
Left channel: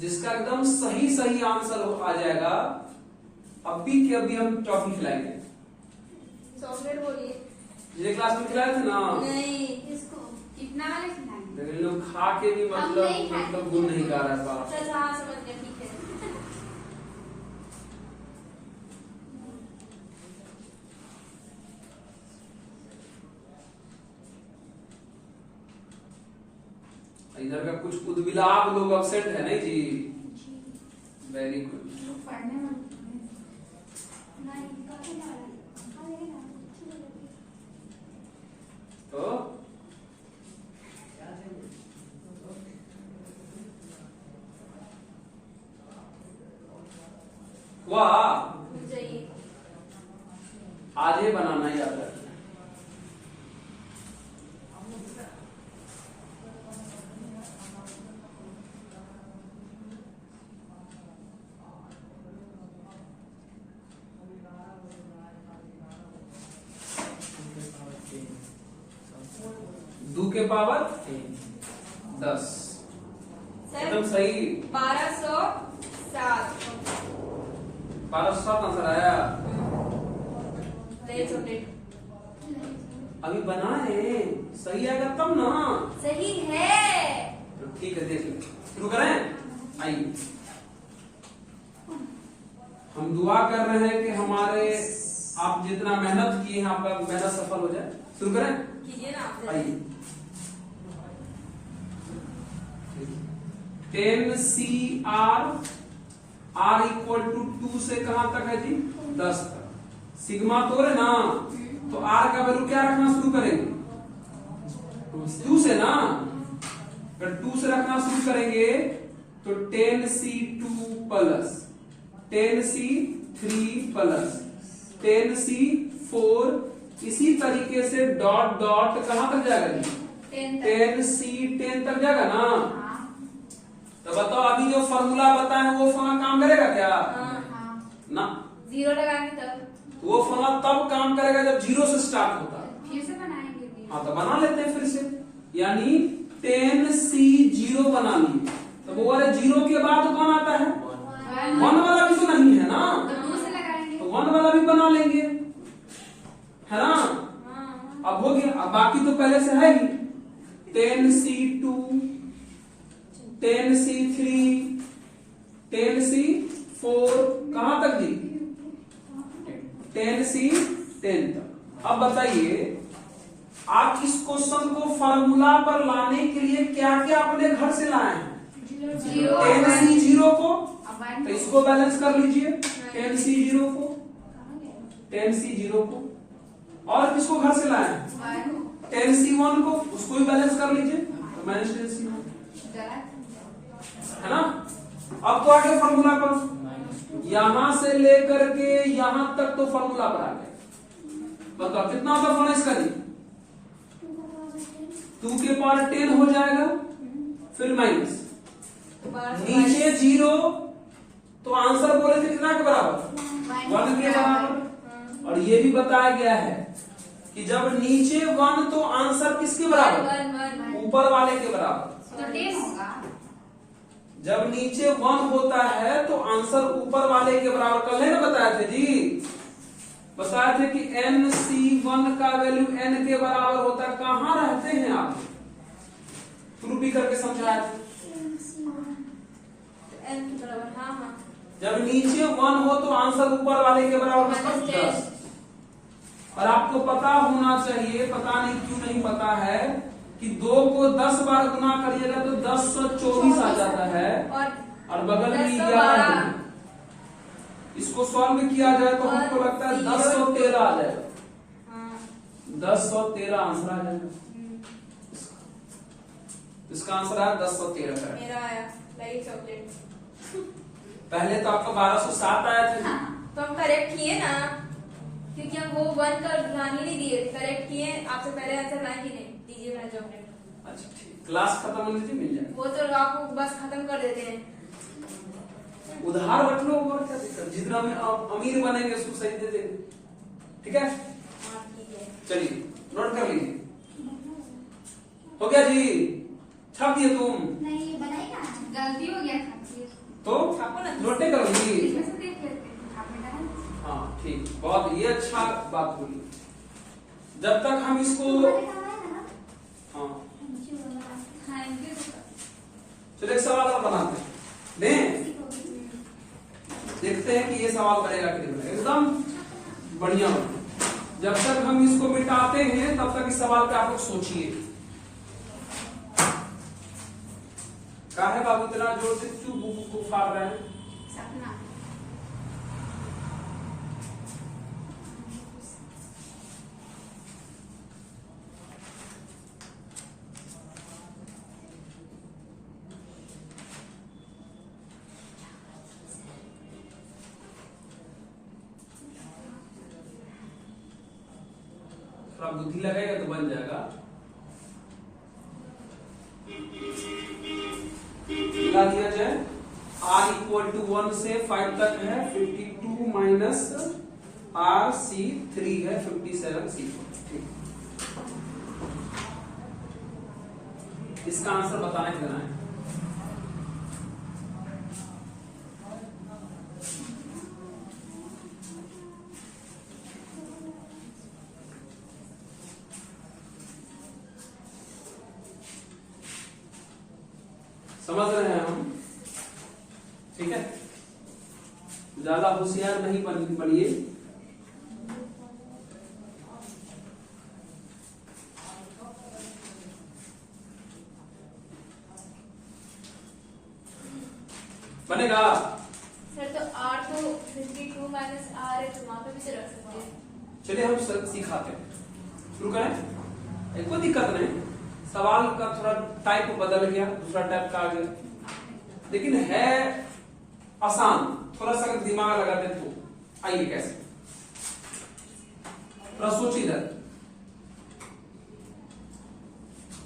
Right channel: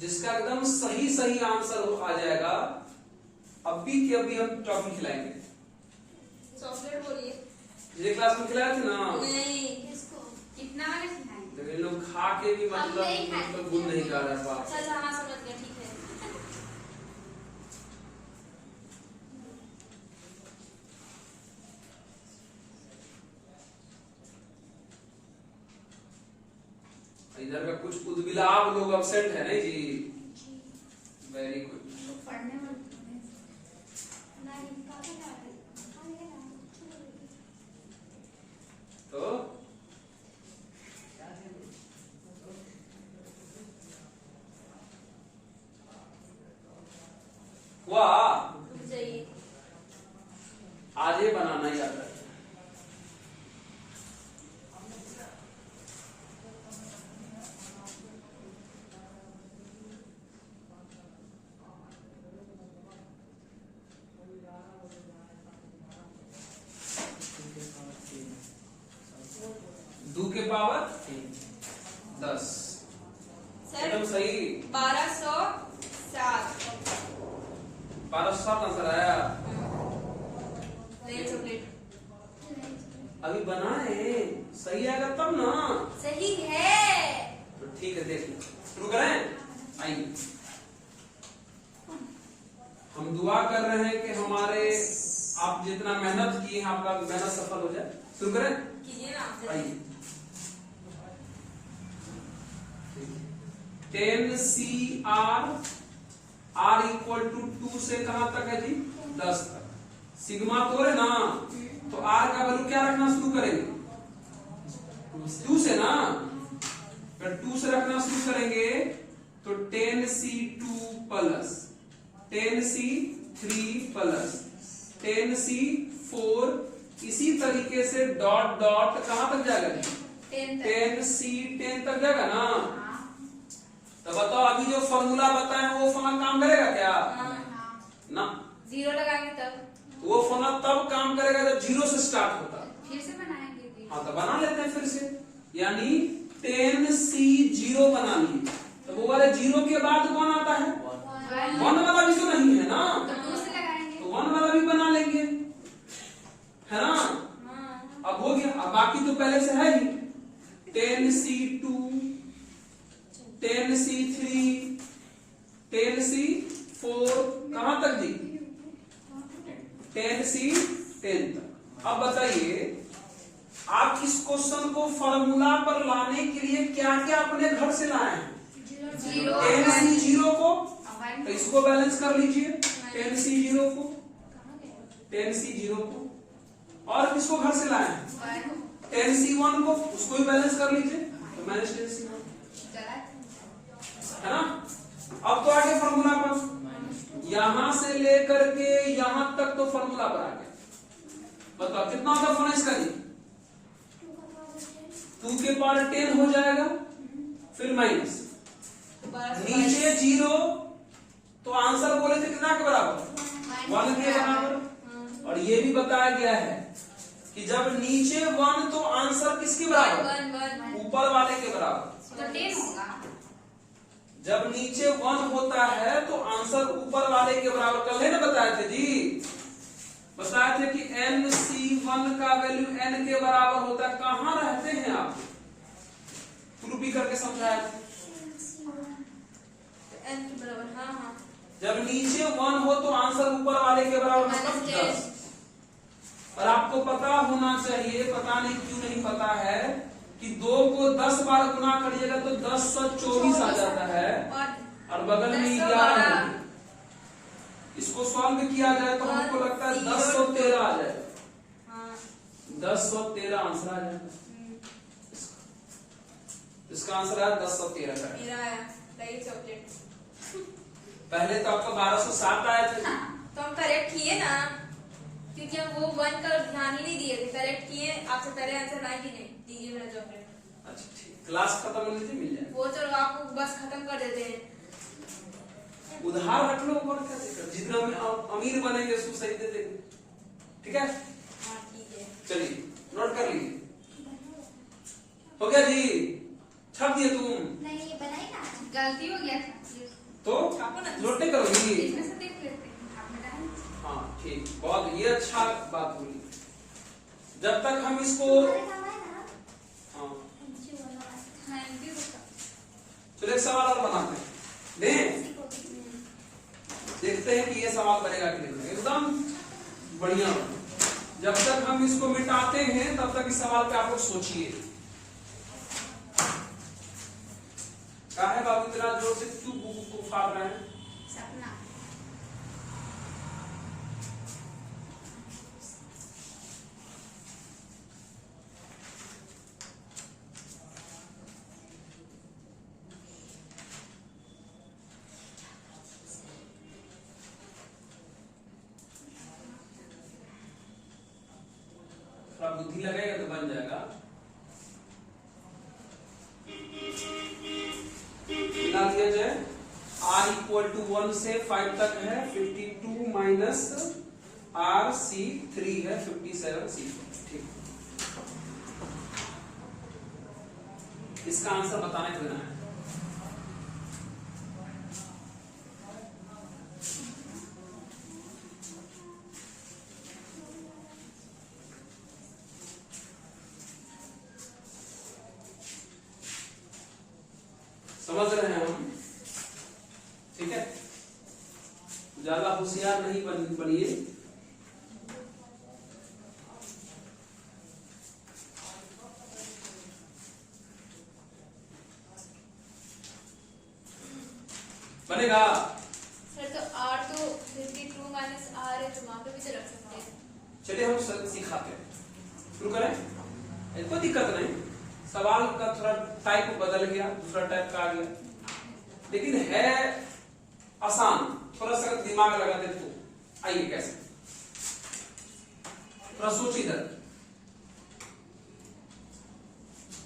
जिसका एकदम सही सही आंसर आ जाएगा, अभी के अभी हम टॉफी खिलाएंगे। चॉकलेट बोलिए। पिछले क्लास में खिलाए थे ना? नहीं, किसको? कितना वाले खिलाएंगे? लेकिन लोग खा के भी हम नहीं खाए। मतलब गुण नहीं गा रहा था। चल हाँ समझ गए, ठीक है। इधर का कुछ उद्विलाप लोग अब्सेंट है नहीं जी? Very good. पढ़ने वाले तो वाह, जाइए। आज ये बनाना याद रखना। दो के पावर 10 एकदम सही। 1207 1207 आंसर आया। नए चॉकलेट अभी बनाए, सही आएगा तब ना। सही है। तो ठीक है, देख लो। शुरू करें? आइए, हम दुआ कर रहे हैं कि हमारे आप जितना मेहनत किए हैं आपका मेहनत सफल हो जाए। शुरू करें? कीजिए ना आप। आइए, 10 CR R इक्वल टू 2 से कहां तक है जी? 10 तक। सिग्मा तो है ना, तो R का वैल्यू क्या रखना शुरू करेंगे? 2 से ना। अगर 2 से रखना शुरू करेंगे तो 10C2 plus 10C3 plus 10C4, इसी तरीके से डॉट डॉट कहां तक जाएगा जी? 10C10 तक जाएगा ना। तो बताओ अभी जो फॉर्मूला बताए वो फॉर्मूला काम करेगा क्या? ना, 0 लगाएंगे तब। वो फॉर्मूला तब काम करेगा जब 0 से स्टार्ट होता है। फिर से बनाएंगे भी। हाँ तो बना लेते हैं फिर से, यानी 10C0 बना लिए। तो वो वाले 0 के बाद कौन आता है? 1 वाला भी तो नहीं है ना, तो 2 से लगाएंगे। तो 1 वाला भी बना लेंगे, है ना। हाँ। अब हो गया, अब बाकी तो पहले से है ही। 10C2, 10C3, 10C4 कहां तक जी? 10C10 तक। अब बताइए आप इस क्वेश्चन को फॉर्मूला पर लाने के लिए क्या क्या अपने घर से लाए हैं? 10C0 को, तो इसको बैलेंस कर लीजिए। 10C0 को, 10C0 को, और किसको घर से लाए हैं? 10C1 को, उसको भी बैलेंस कर लीजिए। तो माइनस 10C1 है ना। अब तो आ गया फॉर्मूला पर, यहां से लेकर के यहां तक तो फॉर्मूला पर आ गया। बताओ कितना होगा फॉर्मूला इसका जी? 2 के पावर 10 हो जाएगा, फिर माइनस नीचे 0, तो आंसर बोले थे कितना के बराबर? 1 के बराबर। और ये भी बताया गया है कि जब नीचे 1 तो आंसर किसके बराबर? ऊपर वाले के बराबर। तो 10 होगा। जब नीचे 1 होता है तो आंसर ऊपर वाले के बराबर। कल है ना बताए थे जी, बताए थे कि NC1 का वैल्यू n के बराबर होता है। कहां रहते हैं आप? प्रूफ भी करके समझाया थे। n के बराबर, हाँ हाँ। जब नीचे 1 हो तो आंसर ऊपर वाले के बराबर मतलब 10। और आपको पता होना चाहिए, पता नहीं क्यों नहीं पता है, कि 2 को 10 बार गुना करिएगा तो 1024 आ जाता है, और बगल में 11 है। इसको सॉल्व किया जाए तो हमको लगता है 1013 आ जाएगा। 1013 आंसर आ जाएगा। इसका आंसर है 1013 का। मेरा आया लाइक चॉकलेट। पहले तो आपका 1207 आया था। तो हम करेक्ट किए ना, क्योंकि हम वो 1 का ध्यान ही नहीं दिए थे। करेक्ट किए, आपसे पहले आंसर लाए ही नहीं। दीजिए मेरा चॉकलेट। अच्छा ठीक, क्लास खत्म होने से मिल जाएगा। वो तो आपको बस खत्म कर देते हैं। उधार रख लो, ऊपर क्या दिक्कत? जितना में अमीर बनेंगे उसको सही दे देंगे। ठीक है, हाँ ठीक है। चलिए नोट कर लीजिए। हो गया जी? छाप दिए तुम? नहीं ये बनाई ना, गलती हो गया था। तो छापो ना। नोटे करोगी? इसमें से देख लेते हैं। आपने डाला? हाँ ठीक, बहुत ये अच्छा बात बोली। जब तक हम इसको हाँ थैंक यू। चलो एक सवाल और बनाते हैं, दें देखते हैं कि ये सवाल करेगा कि नहीं। एकदम बढ़िया। जब तक हम इसको मिटाते हैं तब तक इस सवाल पे आप लोग सोचिए। क्या है बाबू, इतना जोर से क्यों बुक को फाड़ रहे हैं? सपना। थोड़ा बुद्धि लगेगा तो बन जाएगा। मिला दिया जाए, r = 1 से 5 तक है 52 माइनस RC3 है 57C4। ठीक, इसका आंसर बताना है देना है। समझ रहे हैं हम? ठीक है, ज्यादा होशियार नहीं बनिए। बनेगा? सर तो R तो 52 माइनस R है, तो वहाँ पे भी तो रख सकते हैं। चलिए हम सिखाते हैं, शुरू करें। कोई दिक्कत नहीं, सवाल का थोड़ा टाइप बदल गया, दूसरा टाइप का आ गया, लेकिन है आसान। थोड़ा सा अगर दिमाग लगाते तो आइए कैसे, थोड़ा सोच इधर।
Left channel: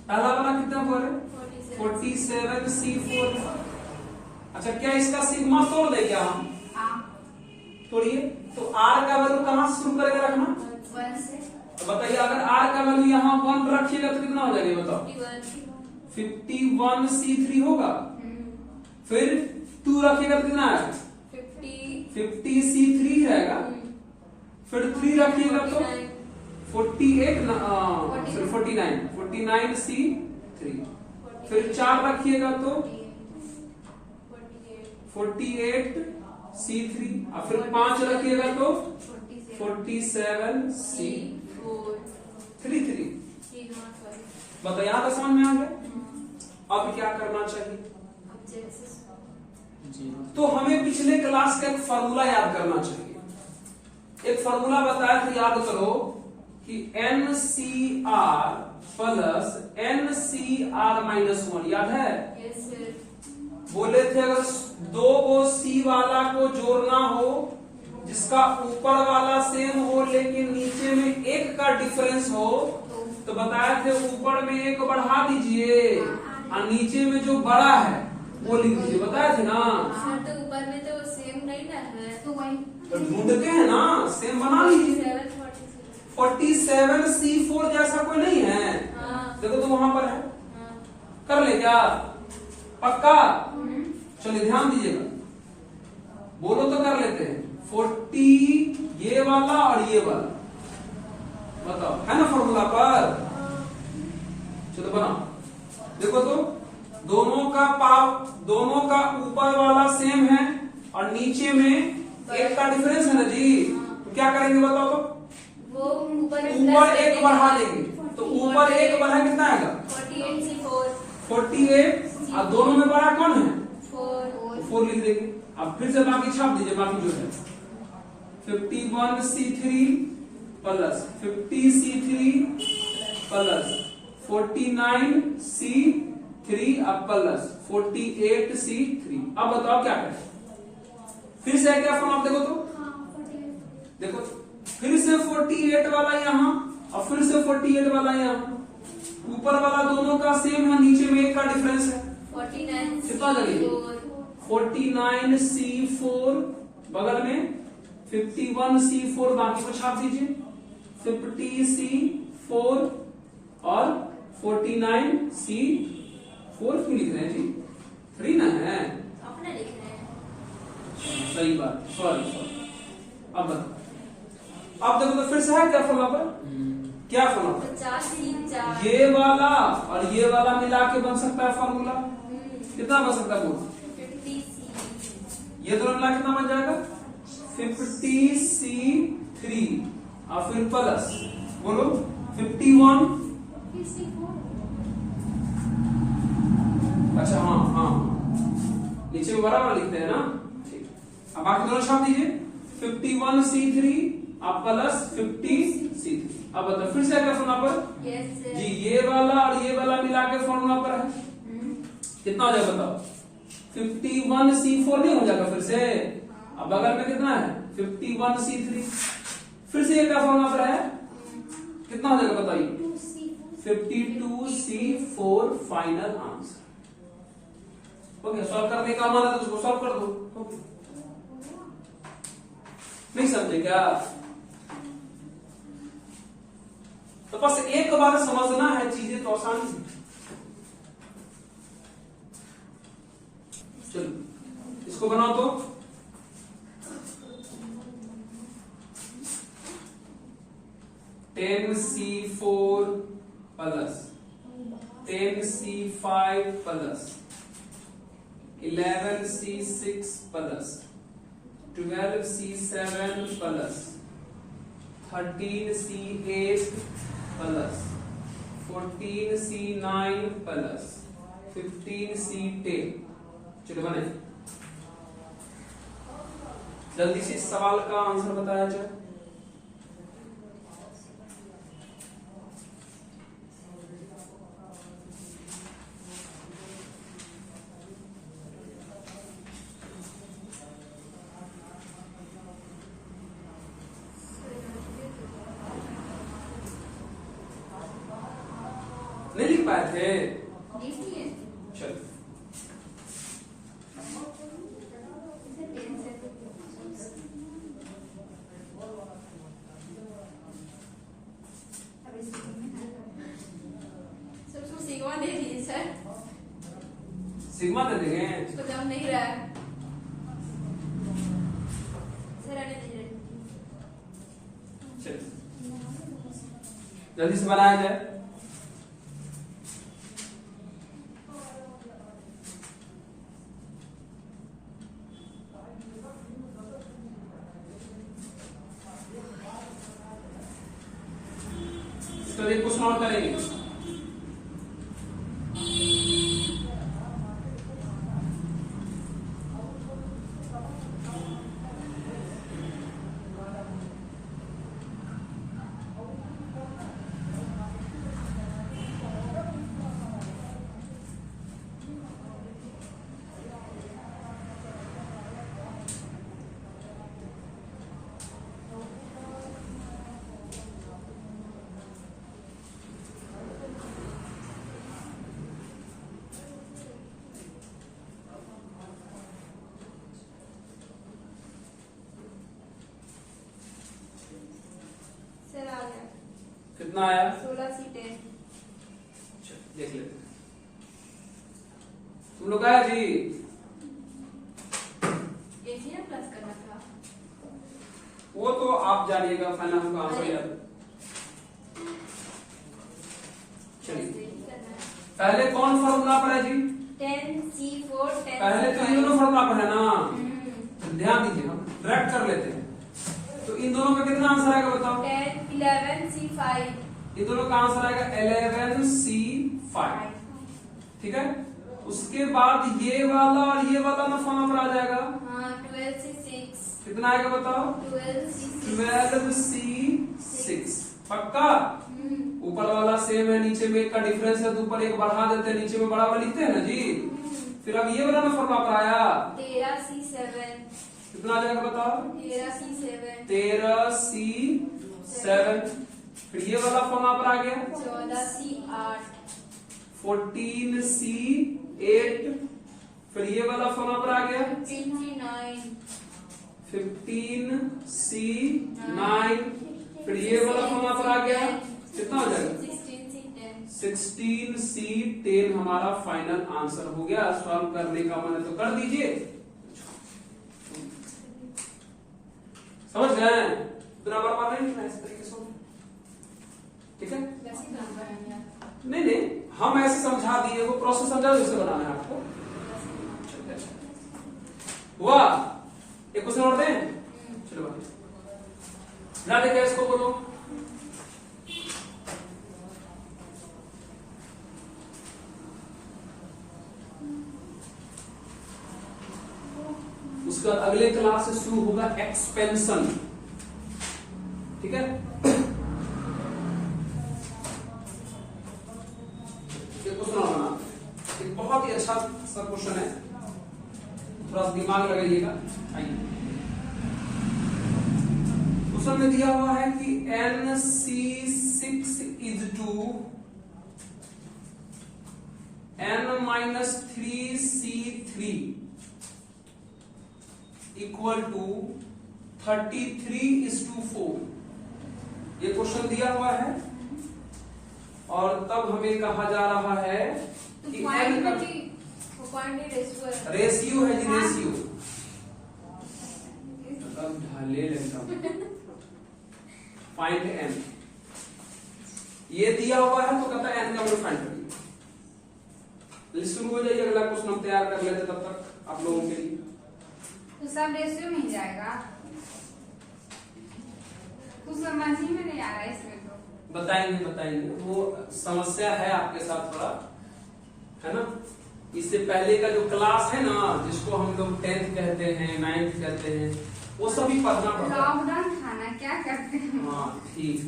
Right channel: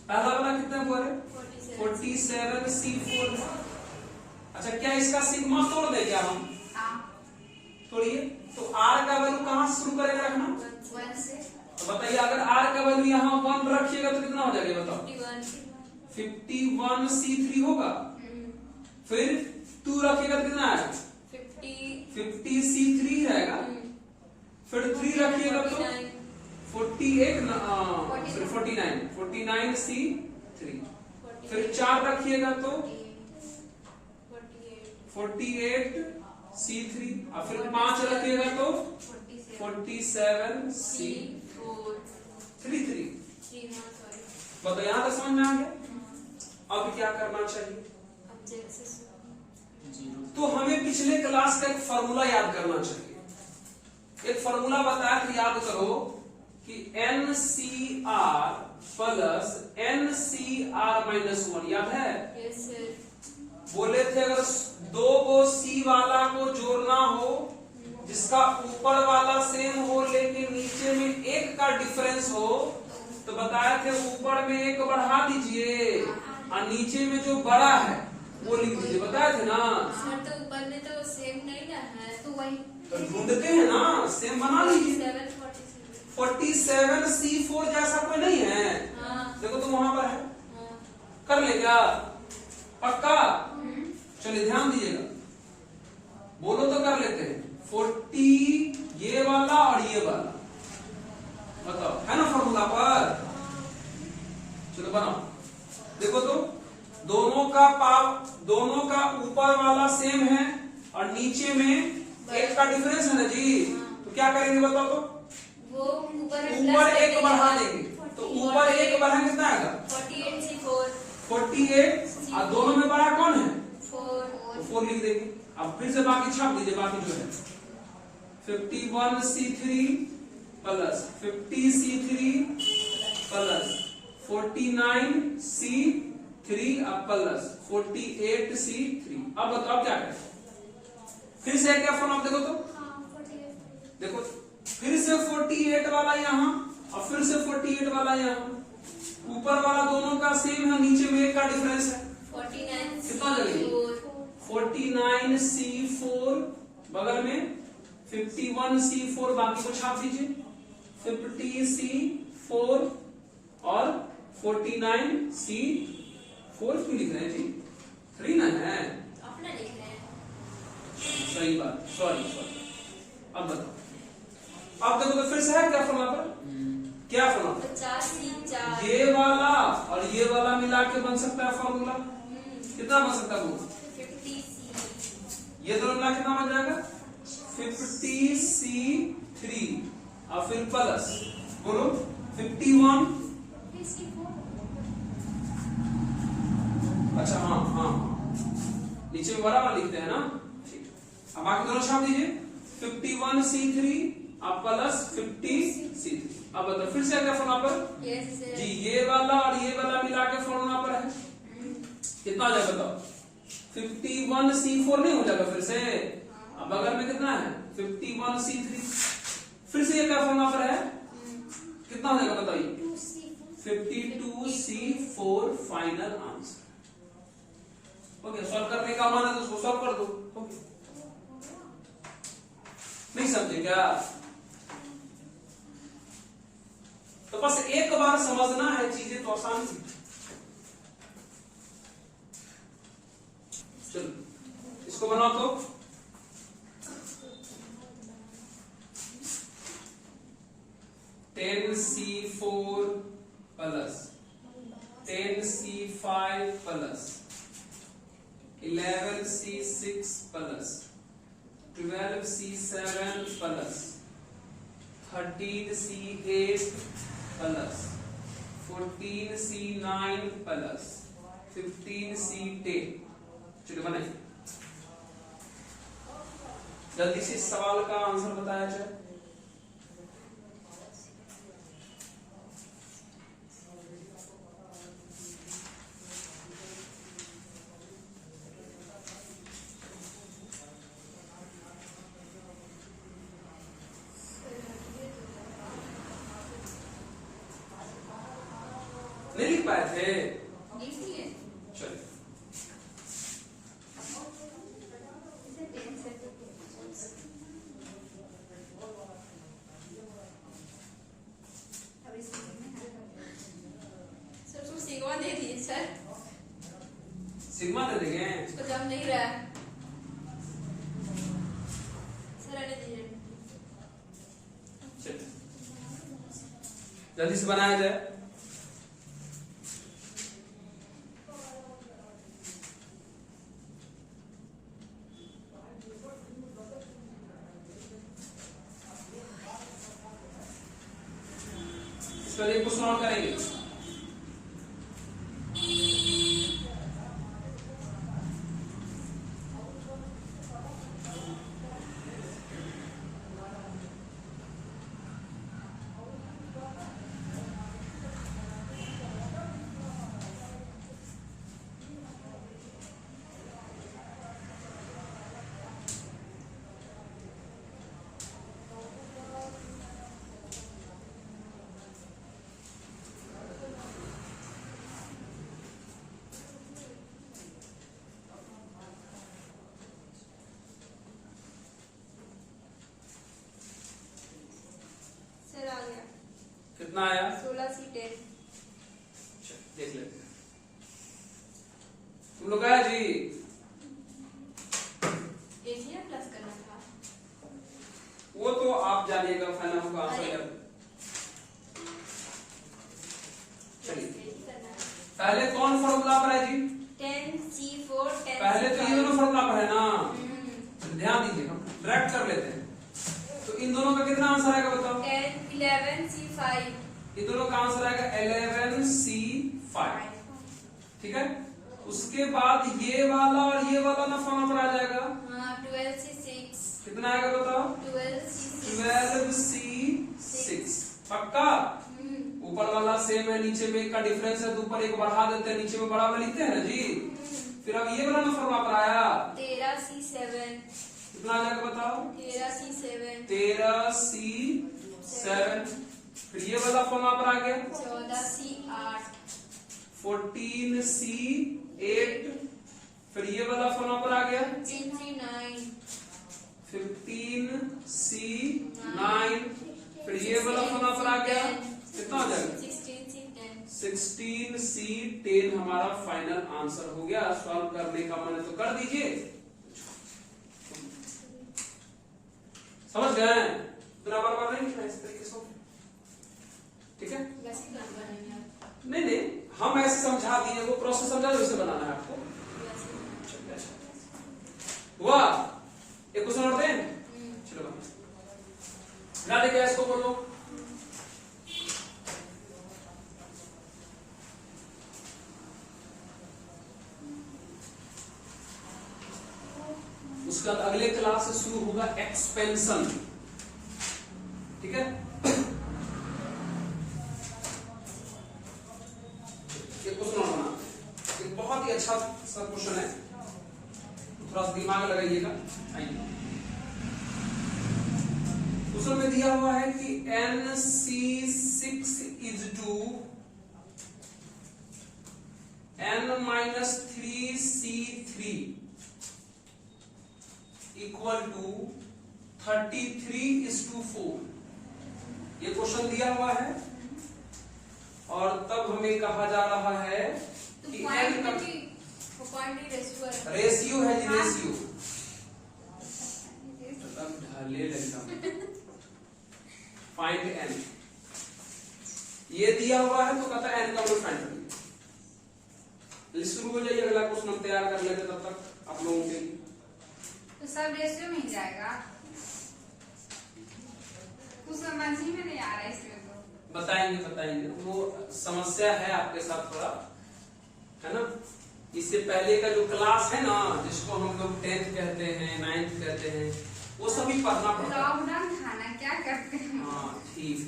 पहला वाला कितना बोले? 47C4। अच्छा, क्या इसका सिग्मा तोड़ दे क्या हम? तोड़िए। तो R का वैल्यू कहां से शुरू करेगा रखना? 1 से। तो बताइए, अगर R का वैल्यू यहाँ 1 रखिएगा तो कितना हो जाएगा बताओ? 51C3 होगा। फिर 2 रखिएगा तो कितना है? 50C3 रहेगा। फिर 3 रखिएगा तो 49C3। फिर 4 रखिएगा तो 48C3। और फिर 5 रखिएगा तो 47C3। बताओ, यहां तक समझ में आ गया? अब क्या करना चाहिए? तो हमें पिछले क्लास का एक फॉर्मूला याद करना चाहिए। एक फॉर्मूला बताया था, याद करो कि NCR प्लस NCR-1, याद है? बोले थे अगर दो को सी वाला को जोड़ना हो जिसका ऊपर वाला सेम हो लेकिन नीचे में एक का डिफरेंस हो, तो बताए थे ऊपर में एक बढ़ा दीजिए और नीचे में जो बड़ा है वो लिख दीजिए, बताए थे ना। सर तो ऊपर में तो सेम नहीं ना है, तो वही तो ढूंढते हैं ना, सेम बना लीजिए। 47C4 जैसा कोई नहीं है। हाँ। देखो तो वहां पर है, हाँ। कर ले क्या पक्का? चलिए ध्यान दीजिएगा, बोलो तो कर लेते हैं। 40 ये वाला और ये वाला, बताओ है ना फॉर्मूला पर? चलो बनाओ। देखो तो दोनों का ऊपर वाला सेम है और नीचे में एक का डिफरेंस है ना जी। तो क्या करेंगे बताओ तो? वो ऊपर एक बढ़ा देंगे, तो ऊपर एक बढ़ा कितना आएगा? 48 और दोनों में बड़ा कौन है? 4 लिख देंगे। अब फिर से बाकी छाप दीजिए, बाकी जो है 51C3 plus 50C3 plus 49C3 अब प्लस 48C3। अब बताओ क्या करें? फिर से क्या फॉर्म देखो तो, देखो फिर से 48 वाला यहाँ और फिर से 48 वाला यहाँ, ऊपर वाला दोनों का सेम है, नीचे में एक का डिफरेंस है। 49 कितना जगह? 49C4 बगल में 51C4 बाकी को छाप दीजिए। 50C4 और 49C4 क्यों लिख रहे हैं जी? 3 ना है, अपने लिख रहे हैं। सही बात, सॉरी। अब बताओ, अब देखो तो फिर से है क्या फॉर्मूला पर? क्या फॉर्मूला? 50C4 ये वाला और ये वाला मिला के बन सकता है फॉर्मूला। कितना बन सकता है वो? 50C। ये दोनों मिला कितना बन जाएगा? 50C3 और फिर प्लस बोलो 51। अच्छा हाँ, नीचे में बराबर लिखते हैं ना, ठीक। अब बाकी दोनों छाप दीजिए। 51C3 अब प्लस 50C3। अब बताओ फिर से क्या फॉर्मूला पर? जी ये वाला और ये वाला मिला के फॉर्मूला पर है, कितना हो जाएगा बताओ? 51C4 नहीं हो जाएगा फिर से? अब बगल में कितना है? 51C3। फिर से ये क्या फॉर्मूला पर है, कितना हो जाएगा बताइए? 52C4 final answer. Okay, solve करने का मन है तो उसको सॉल्व कर दो। नहीं समझे क्या? तो बस एक बार समझना है चीजें तो आसानी से। चलो इसको बनाओ तो। (10C4 plus 10C5 plus 11C6 plus 12C7 plus 13C8 plus 14C9 plus 15C10। चलो बनाइए, जल्दी से इस सवाल का आंसर बताया जाए। नहीं लिख पाए थे? चलो सिग्मा दे दिए सर, सिग्मा दे देंगे। उसको जम नहीं रहा है सर, आने दीजिए। चलो जल्दी से बनाया जाए। इसको एक को सॉल्व करेंगे। कितना आया? 16C10। देख लेते हैं। तुम लोग आया जी? एक ही ना प्लस करना था। वो तो आप जानिएगा, फाइनल हमको आंसर याद। चलिए पहले कौन फॉर्मूला पर है जी? 10C4 10C5। पहले तो इन दोनों फॉर्मूला पर है ना, ध्यान दीजिए, हम डायरेक्ट कर लेते हैं। तो इन दोनों का कितना आंसर आएगा बताओ? 11C5। इन दोनों का आंसर आएगा 11C5। ठीक है, उसके बाद ये वाला और ये वाला ना फॉर्मूला पर आ जाएगा। हाँ 12C6। कितना आएगा बताओ? 12C6। 12C6। पक्का? ऊपर वाला सेम है, नीचे में एक का डिफरेंस है, तो ऊपर एक बढ़ा देते हैं, नीचे में बड़ा वाला लिखते हैं ना जी। फिर अब ये वाला फॉर्मूला पर आया 13C7। कितना आ जाएगा बताओ? 13C7। 13C7। फिर ये वाला फॉर्मूला पर आ गया 14C8। 14C8। फिर ये वाला फॉर्मूला पर आ गया 15C9। 15C9। फिर ये वाला फॉर्मूला पर आ गया कितना हो जाएगा? 16C10। 16C10 हमारा फाइनल आंसर हो गया। सॉल्व करने का मन तो कर दीजिए। समझ गए? इतना बराबर नहीं लिखना, इस तरीके से। ठीक है, वैसे नंबर है मेरा। नहीं नहीं, हम ऐसे समझा दिए, वो प्रोसेस समझा दो, इसे बनाना है आपको। हुआ? एक क्वेश्चन और दें? चलो ना, देखिए इसको बोलो। उसका अगले क्लास से शुरू होगा एक्सपेंशन। ठीक है, ये क्वेश्चन और बना, एक बहुत ही अच्छा सा क्वेश्चन है, थोड़ा सा दिमाग लगाइएगा। क्वेश्चन में दिया हुआ है कि NC6 is to N-3C3 equal to 33:4। ये क्वेश्चन दिया हुआ है, और तब हमें कहा जा रहा है कि n का रेशियो है जी, रेशियो ढाले फाइंड n। ये दिया हुआ है तो कहता है n का वैल्यू फाइंड करिए। शुरू हो जाइए, अगला क्वेश्चन हम तैयार कर लेते तब तक आप लोगों के लिए। तो सब रेशियो में ही जाएगा, कुछ समझ ही में नहीं आ रहा है इसमें। तो बताएंगे, वो समस्या है आपके साथ थोड़ा, है ना। इससे पहले का जो क्लास है ना, जिसको हम लोग 10th कहते हैं, 9th कहते हैं, वो सभी पढ़ना पड़ता है। लॉकडाउन खाना क्या करते हैं? हाँ ठीक।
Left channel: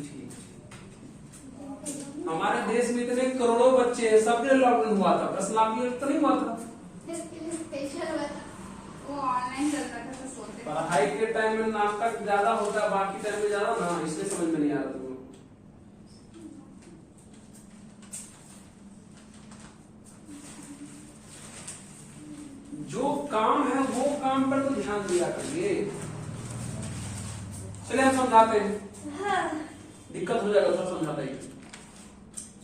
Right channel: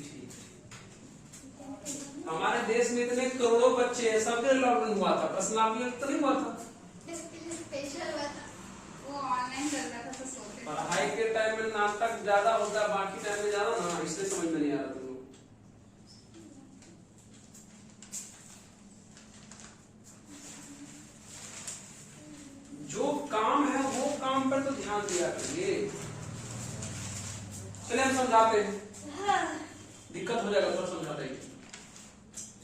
हमारे देश में इतने करोड़ों बच्चे हैं, सबने लॉकडाउन हुआ था, प्रश्न आपने तो नहीं हुआ था। स्पेशल वो ऑनलाइन चलता था तो सोते। पढ़ाई के टाइम में नाटक ज्यादा होता है, बाकी टाइम में ज्यादा ना, इसलिए समझ में नहीं आ रहा तुम लोग। जो काम है वो काम पर तो ध्यान दिया करिए। चलिए हम समझाते हैं, दिक्कत हो जाएगा थोड़ा समझाते हैं।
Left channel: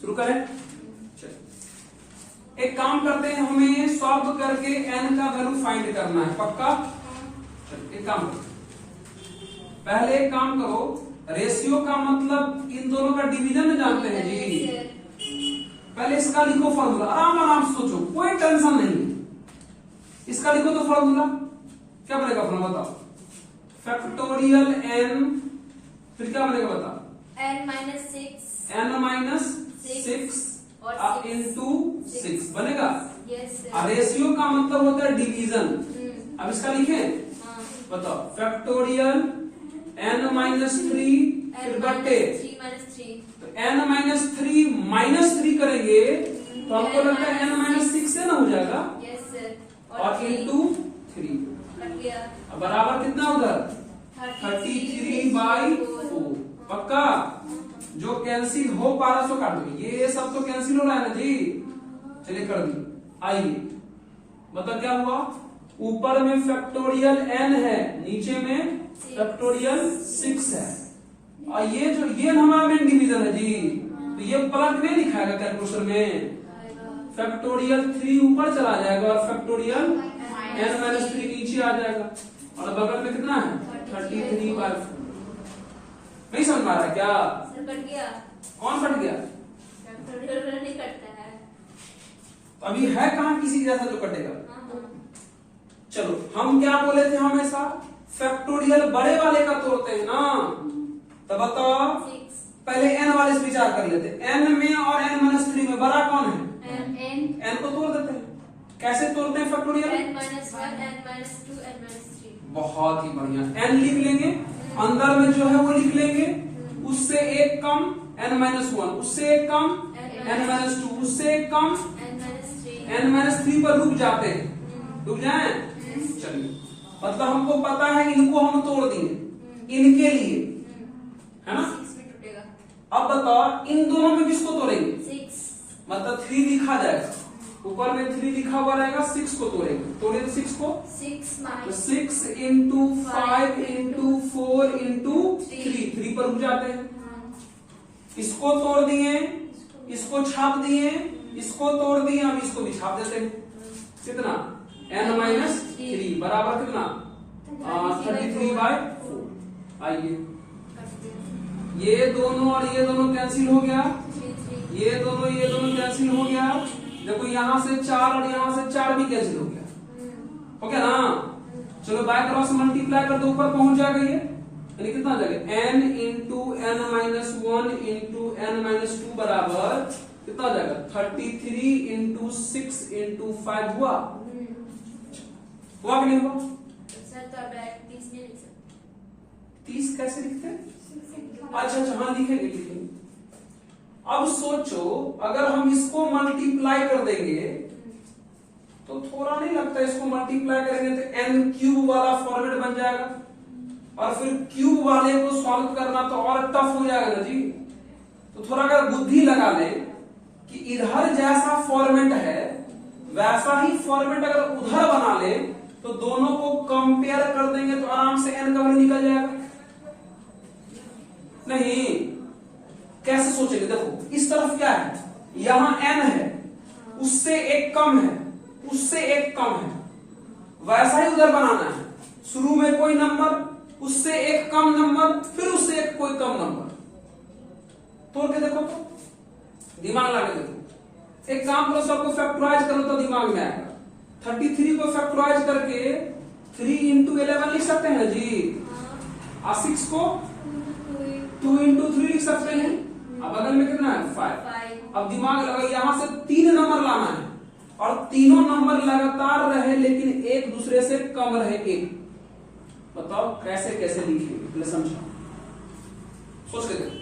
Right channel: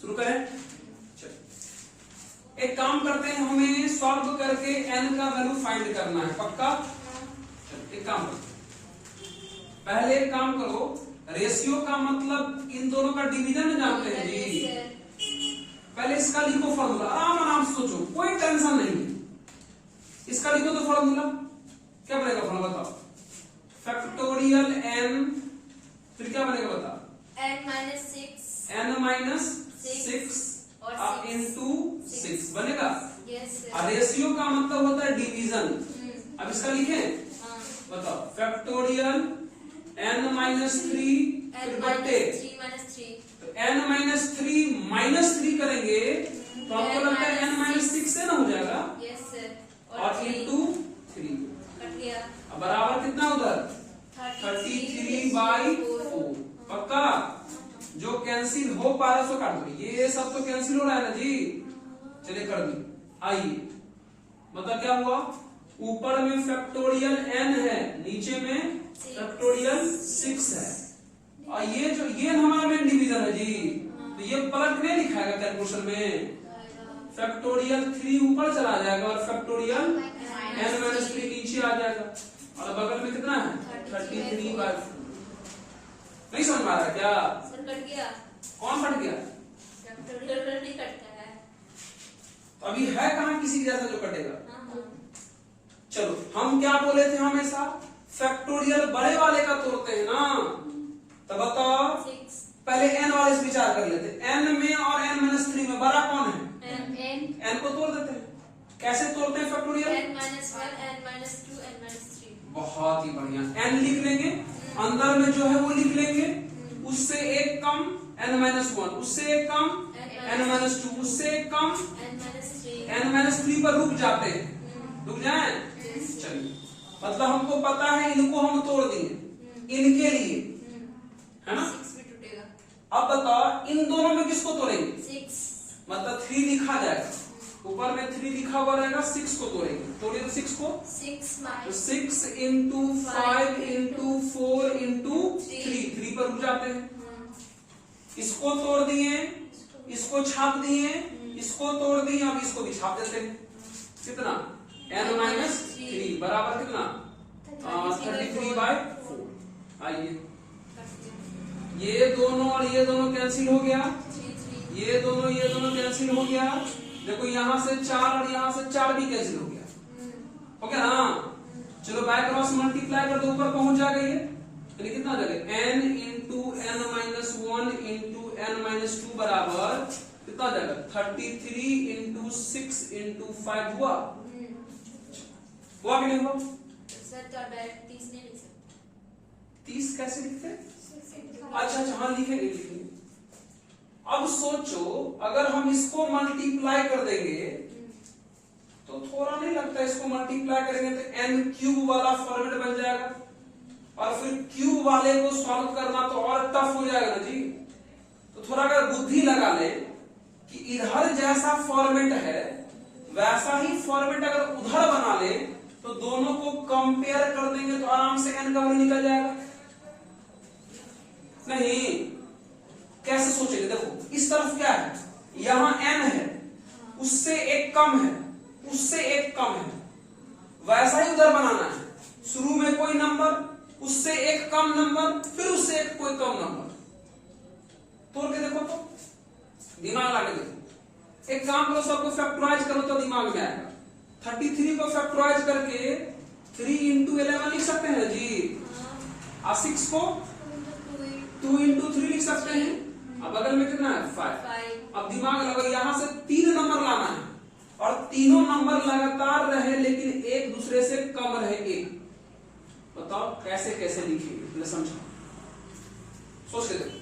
शुरू करें? चलो एक काम करते हैं, हमें सॉल्व करके n का वैल्यू फाइंड करना है। पक्का? एक काम करो, पहले एक काम करो, रेशियो का मतलब इन दोनों का डिवीजन जानते हैं जी। पहले इसका लिखो फॉर्मूला, आराम से सोचो, कोई टेंशन नहीं है। इसका लिखो तो फॉर्मूला क्या बनेगा? फॉर्मूला बताओ। फैक्टोरियल n, फिर क्या बनेगा बताओ? n-6 इंटू 6 बनेगा। रेशियो का मतलब होता है डिवीजन। अब इसका लिखें, बताओ। फैक्टोरियल n-3 फिर बट्टे, तो n-3 करेंगे तो हमको लगता है n-6 से ना हो जाएगा, और इंटू 3 बराबर कितना उधर 33/4। पक्का? जो कैंसिल हो पा रहा सो काट दो, ये सब तो कैंसिल हो रहा है ना जी। चलिए कर दी। आइए, मतलब क्या हुआ, ऊपर में फैक्टोरियल n है, नीचे में फैक्टोरियल 6 है। और ये हमारा मेन डिवीजन है जी, तो ये प्लग नहीं लिखाएगा कैलकुलेटर में, फैक्टोरियल 3 ऊपर चला जाएगा और फैक्टोरियल n-3 नीचे आ जाएगा और बगल में कितना है 33/4। नहीं समझ आ रहा है क्या? सर कट गया। कौन कट गया? फैक्टोरियल नहीं कटता है। अभी है कहाँ किसी जैसा जो कटेगा? हाँ। चलो हम क्या बोले थे हमेशा, फैक्टोरियल बड़े वाले का तोड़ते हैं ना, तो बताओ 6 पहले n वाले से विचार कर लेते हैं। n में और n-3 में बड़ा कौन है? n को तोड़ देते हैं। कैसे तोड़ते हैं फैक्टोरियल? n-1 n-2 n-3। बहुत ही बढ़िया, n लिख लेंगे, अंदर में जो है वो लिख लेंगे, उससे एक कम n-1, उससे एक कम n-2, उससे एक कम n-3 पर रुक जाते हैं, रुक जाएं। चलिए मतलब हमको पता है इनको हम तोड़ देंगे इनके लिए, है ना? 6 भी टूटेगा। अब बताओ इन दोनों में किसको तोड़ेंगे? 6 मतलब 3 लिखा जाएगा, ऊपर में 3 लिखा हुआ रहेगा, 6 को तोड़ेंगे। तोड़िए तो 6 को, 6 तो 6 इंटू 5 इंटू 4 इंटू 3 पर रुक जाते हैं। इसको तोड़ दिए, इसको छाप दिए, इसको तोड़ दिए, अब इसको भी छाप देते हैं। कितना? n-3 बराबर कितना? 33/4। आइए ये दोनों और ये दोनों कैंसिल हो गया, ये दोनों कैंसिल हो गया। देखो यहाँ से 4 और यहाँ से 4 भी कैंसिल हो गया ना? चलो बाय क्रॉस मल्टीप्लाई कर दो, ऊपर पहुंच जाएगा ये, यानी कितना आ जाएगा n into n-1 into n-2 बराबर कितना आ जाएगा 33 इंटू 6 इंटू 5 हुआ कि नहीं हुआ? सर तो डायरेक्ट 30 नहीं लिख सकते। 30 कैसे लिखते हैं? अच्छा हाँ लिखेंगे। अब सोचो अगर हम इसको मल्टीप्लाई कर देंगे तो थोड़ा नहीं लगता, इसको मल्टीप्लाई करेंगे तो n क्यूब वाला फॉर्मेट बन जाएगा, और फिर क्यूब वाले को सॉल्व करना तो और टफ हो जाएगा ना जी। तो थोड़ा अगर बुद्धि लगा ले कि इधर जैसा फॉर्मेट है वैसा ही फॉर्मेट अगर उधर बना ले तो दोनों को कंपेयर कर देंगे तो आराम से n का वैल्यू निकल जाएगा। नहीं कैसे सोचेंगे? देखो इस तरफ क्या है, यहां n है, उससे एक कम है, उससे एक कम है, वैसा ही उधर बनाना है। शुरू में कोई नंबर, उससे एक कम नंबर, फिर उससे एक कोई कम नंबर। तोड़ के देखो तो, दिमाग लगा देखो। एक काम करो, सबको फैक्टराइज करो तो दिमाग में आएगा। 33 को फैक्टराइज करके 3 इंटू 11 लिख सकते हैं जी, और 6 को 2 इंटू 3 लिख सकते हैं। अब बगल में कितना है 5। अब दिमाग लगा, यहां से 3 नंबर लाना है और तीनों नंबर लगातार रहे लेकिन एक दूसरे से कम रहे एक। बताओ कैसे कैसे लिखेंगे, समझो, सोच के देखो।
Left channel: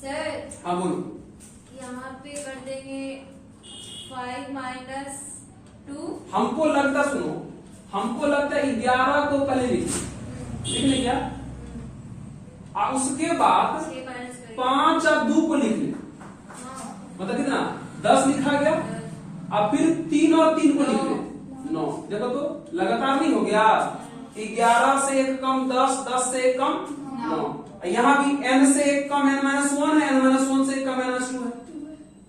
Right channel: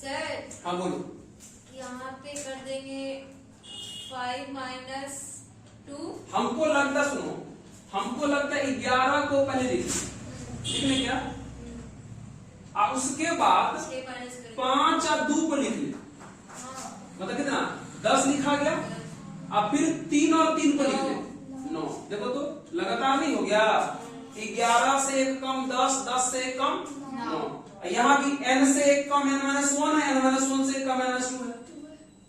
सर हाँ बोलो। यहाँ पे कर देंगे 5 - 2। हमको लगता, सुनो, हमको लगता है 11 को पहले लिखने क्या, और उसके बाद 5 और 2 को लिख ले, मतलब कितना 10 लिखा गया, अब फिर 3 और 3 को लिख ले 9। देखो तो लगातार नहीं हो गया, 11 से एक कम 10, 10 से एक कम 9। यहाँ भी n से एक कम n-1 है, n-1 से एक कम n-2 है।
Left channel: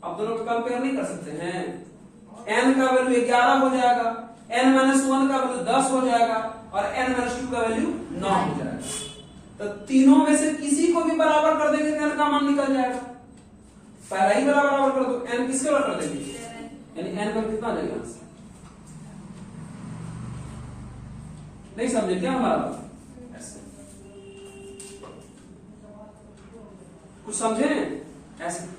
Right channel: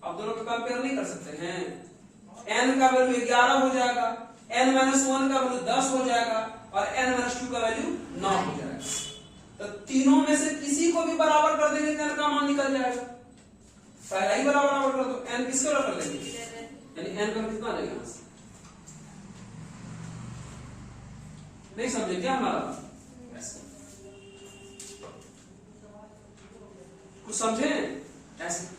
अब दोनों को कंपेयर नहीं कर सकते हैं। n का वैल्यू 11 हो जाएगा, n-1 का वैल्यू 10 हो जाएगा और n-2 का वैल्यू 9 हो जाएगा। तो तीनों में से किसी को भी बराबर कर देंगे तो n का मान निकल जाएगा। पहला ही बराबर कर दो, n किसके बराबर कर देंगे, यानी n पर कितना जाएगा? नहीं समझे क्या हमारा? ऐसे कुछ समझे? ऐसे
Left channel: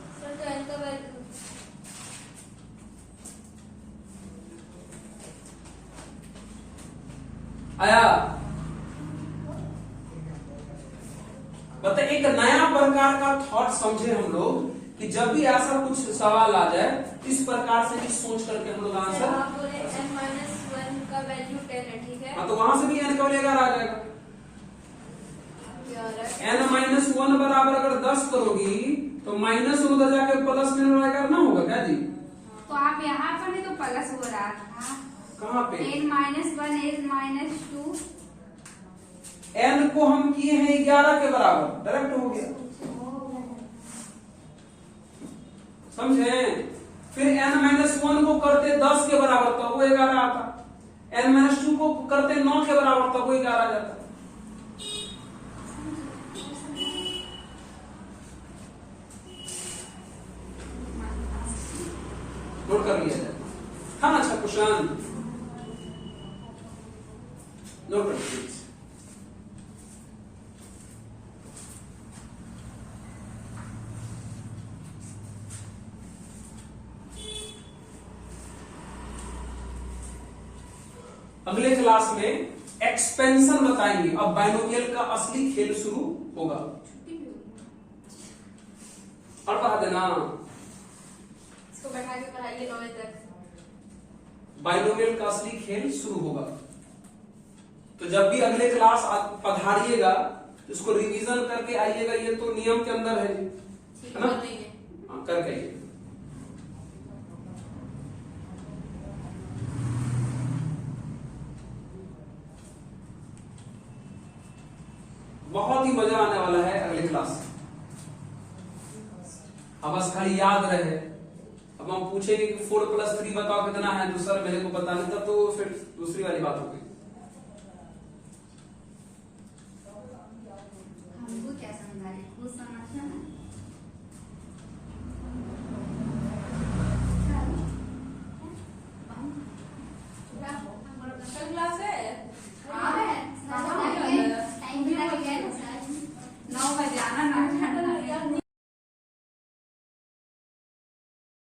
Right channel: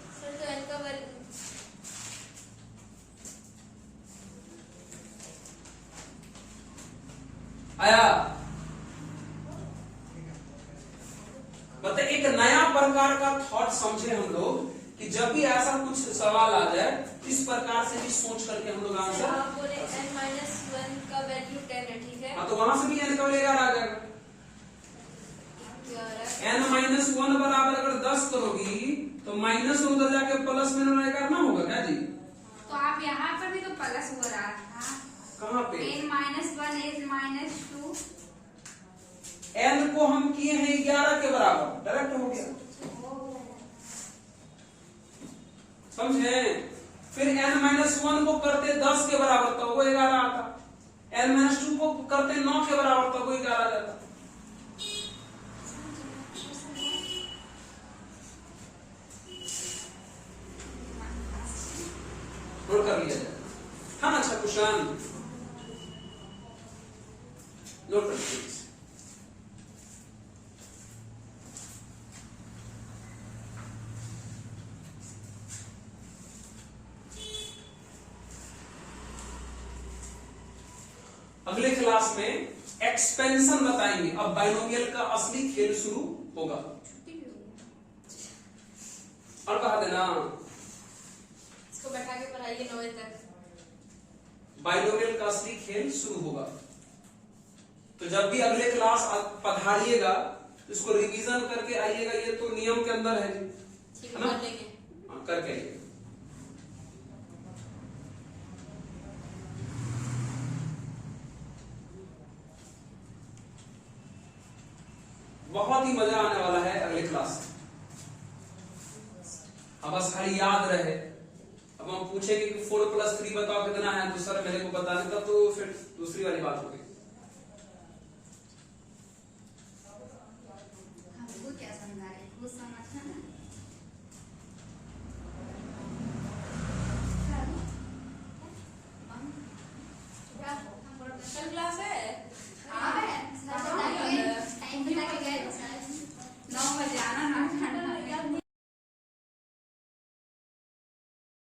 आया? बता, एक नया प्रकार का थॉट समझे हम लोग कि जब भी ऐसा कुछ सवाल आ जाए इस प्रकार से भी सोच करके हम लोग आंसर। n-1 का वैल्यू 10 है, ठीक है? हाँ तो वहां से भी n का वैल्यू 11 आ जाएगा। n-1 बराबर अगर 10 करोगी तो माइनस उधर जाके प्लस में करना होगा क्या जी? तो आप यहाँ पर भी तो प्लस हो रहा था। कहाँ पे? n-1 n-2 n को हम किए हैं 11 के बराबर, डायरेक्ट हो गया, समझे। फिर n-1 को करते 10 के बराबर तो वो 11 आता, n-2 को करते 9 के बराबर तो वो 11 आ जाता। नोट कर लिया जाए, हाँ अच्छा क्वेश्चन नोट कर लीजिए। अगले क्लास में एक्सपेंशन बताएंगे, अब बाइनोमियल का असली खेल शुरू होगा। और कहा देना इसको बैठा के पढ़ाइए 9 तक, बाइनोमियल का असली खेल शुरू होगा। तो जब भी अगले क्लास पधारिएगा उसको रिवीजन करके आइएगा, ये तो नियम के अंदर है ना, हाँ करके आइएगा। बहुत ही मजा आने वाला है अगले क्लास से। अब बस खाली याद रहे, अब हम पूछेंगे कि 4 + 3 बताओ कितना है, तो सर मेरे को बता नहीं, तब तो फिर दूसरी वाली बात होगी।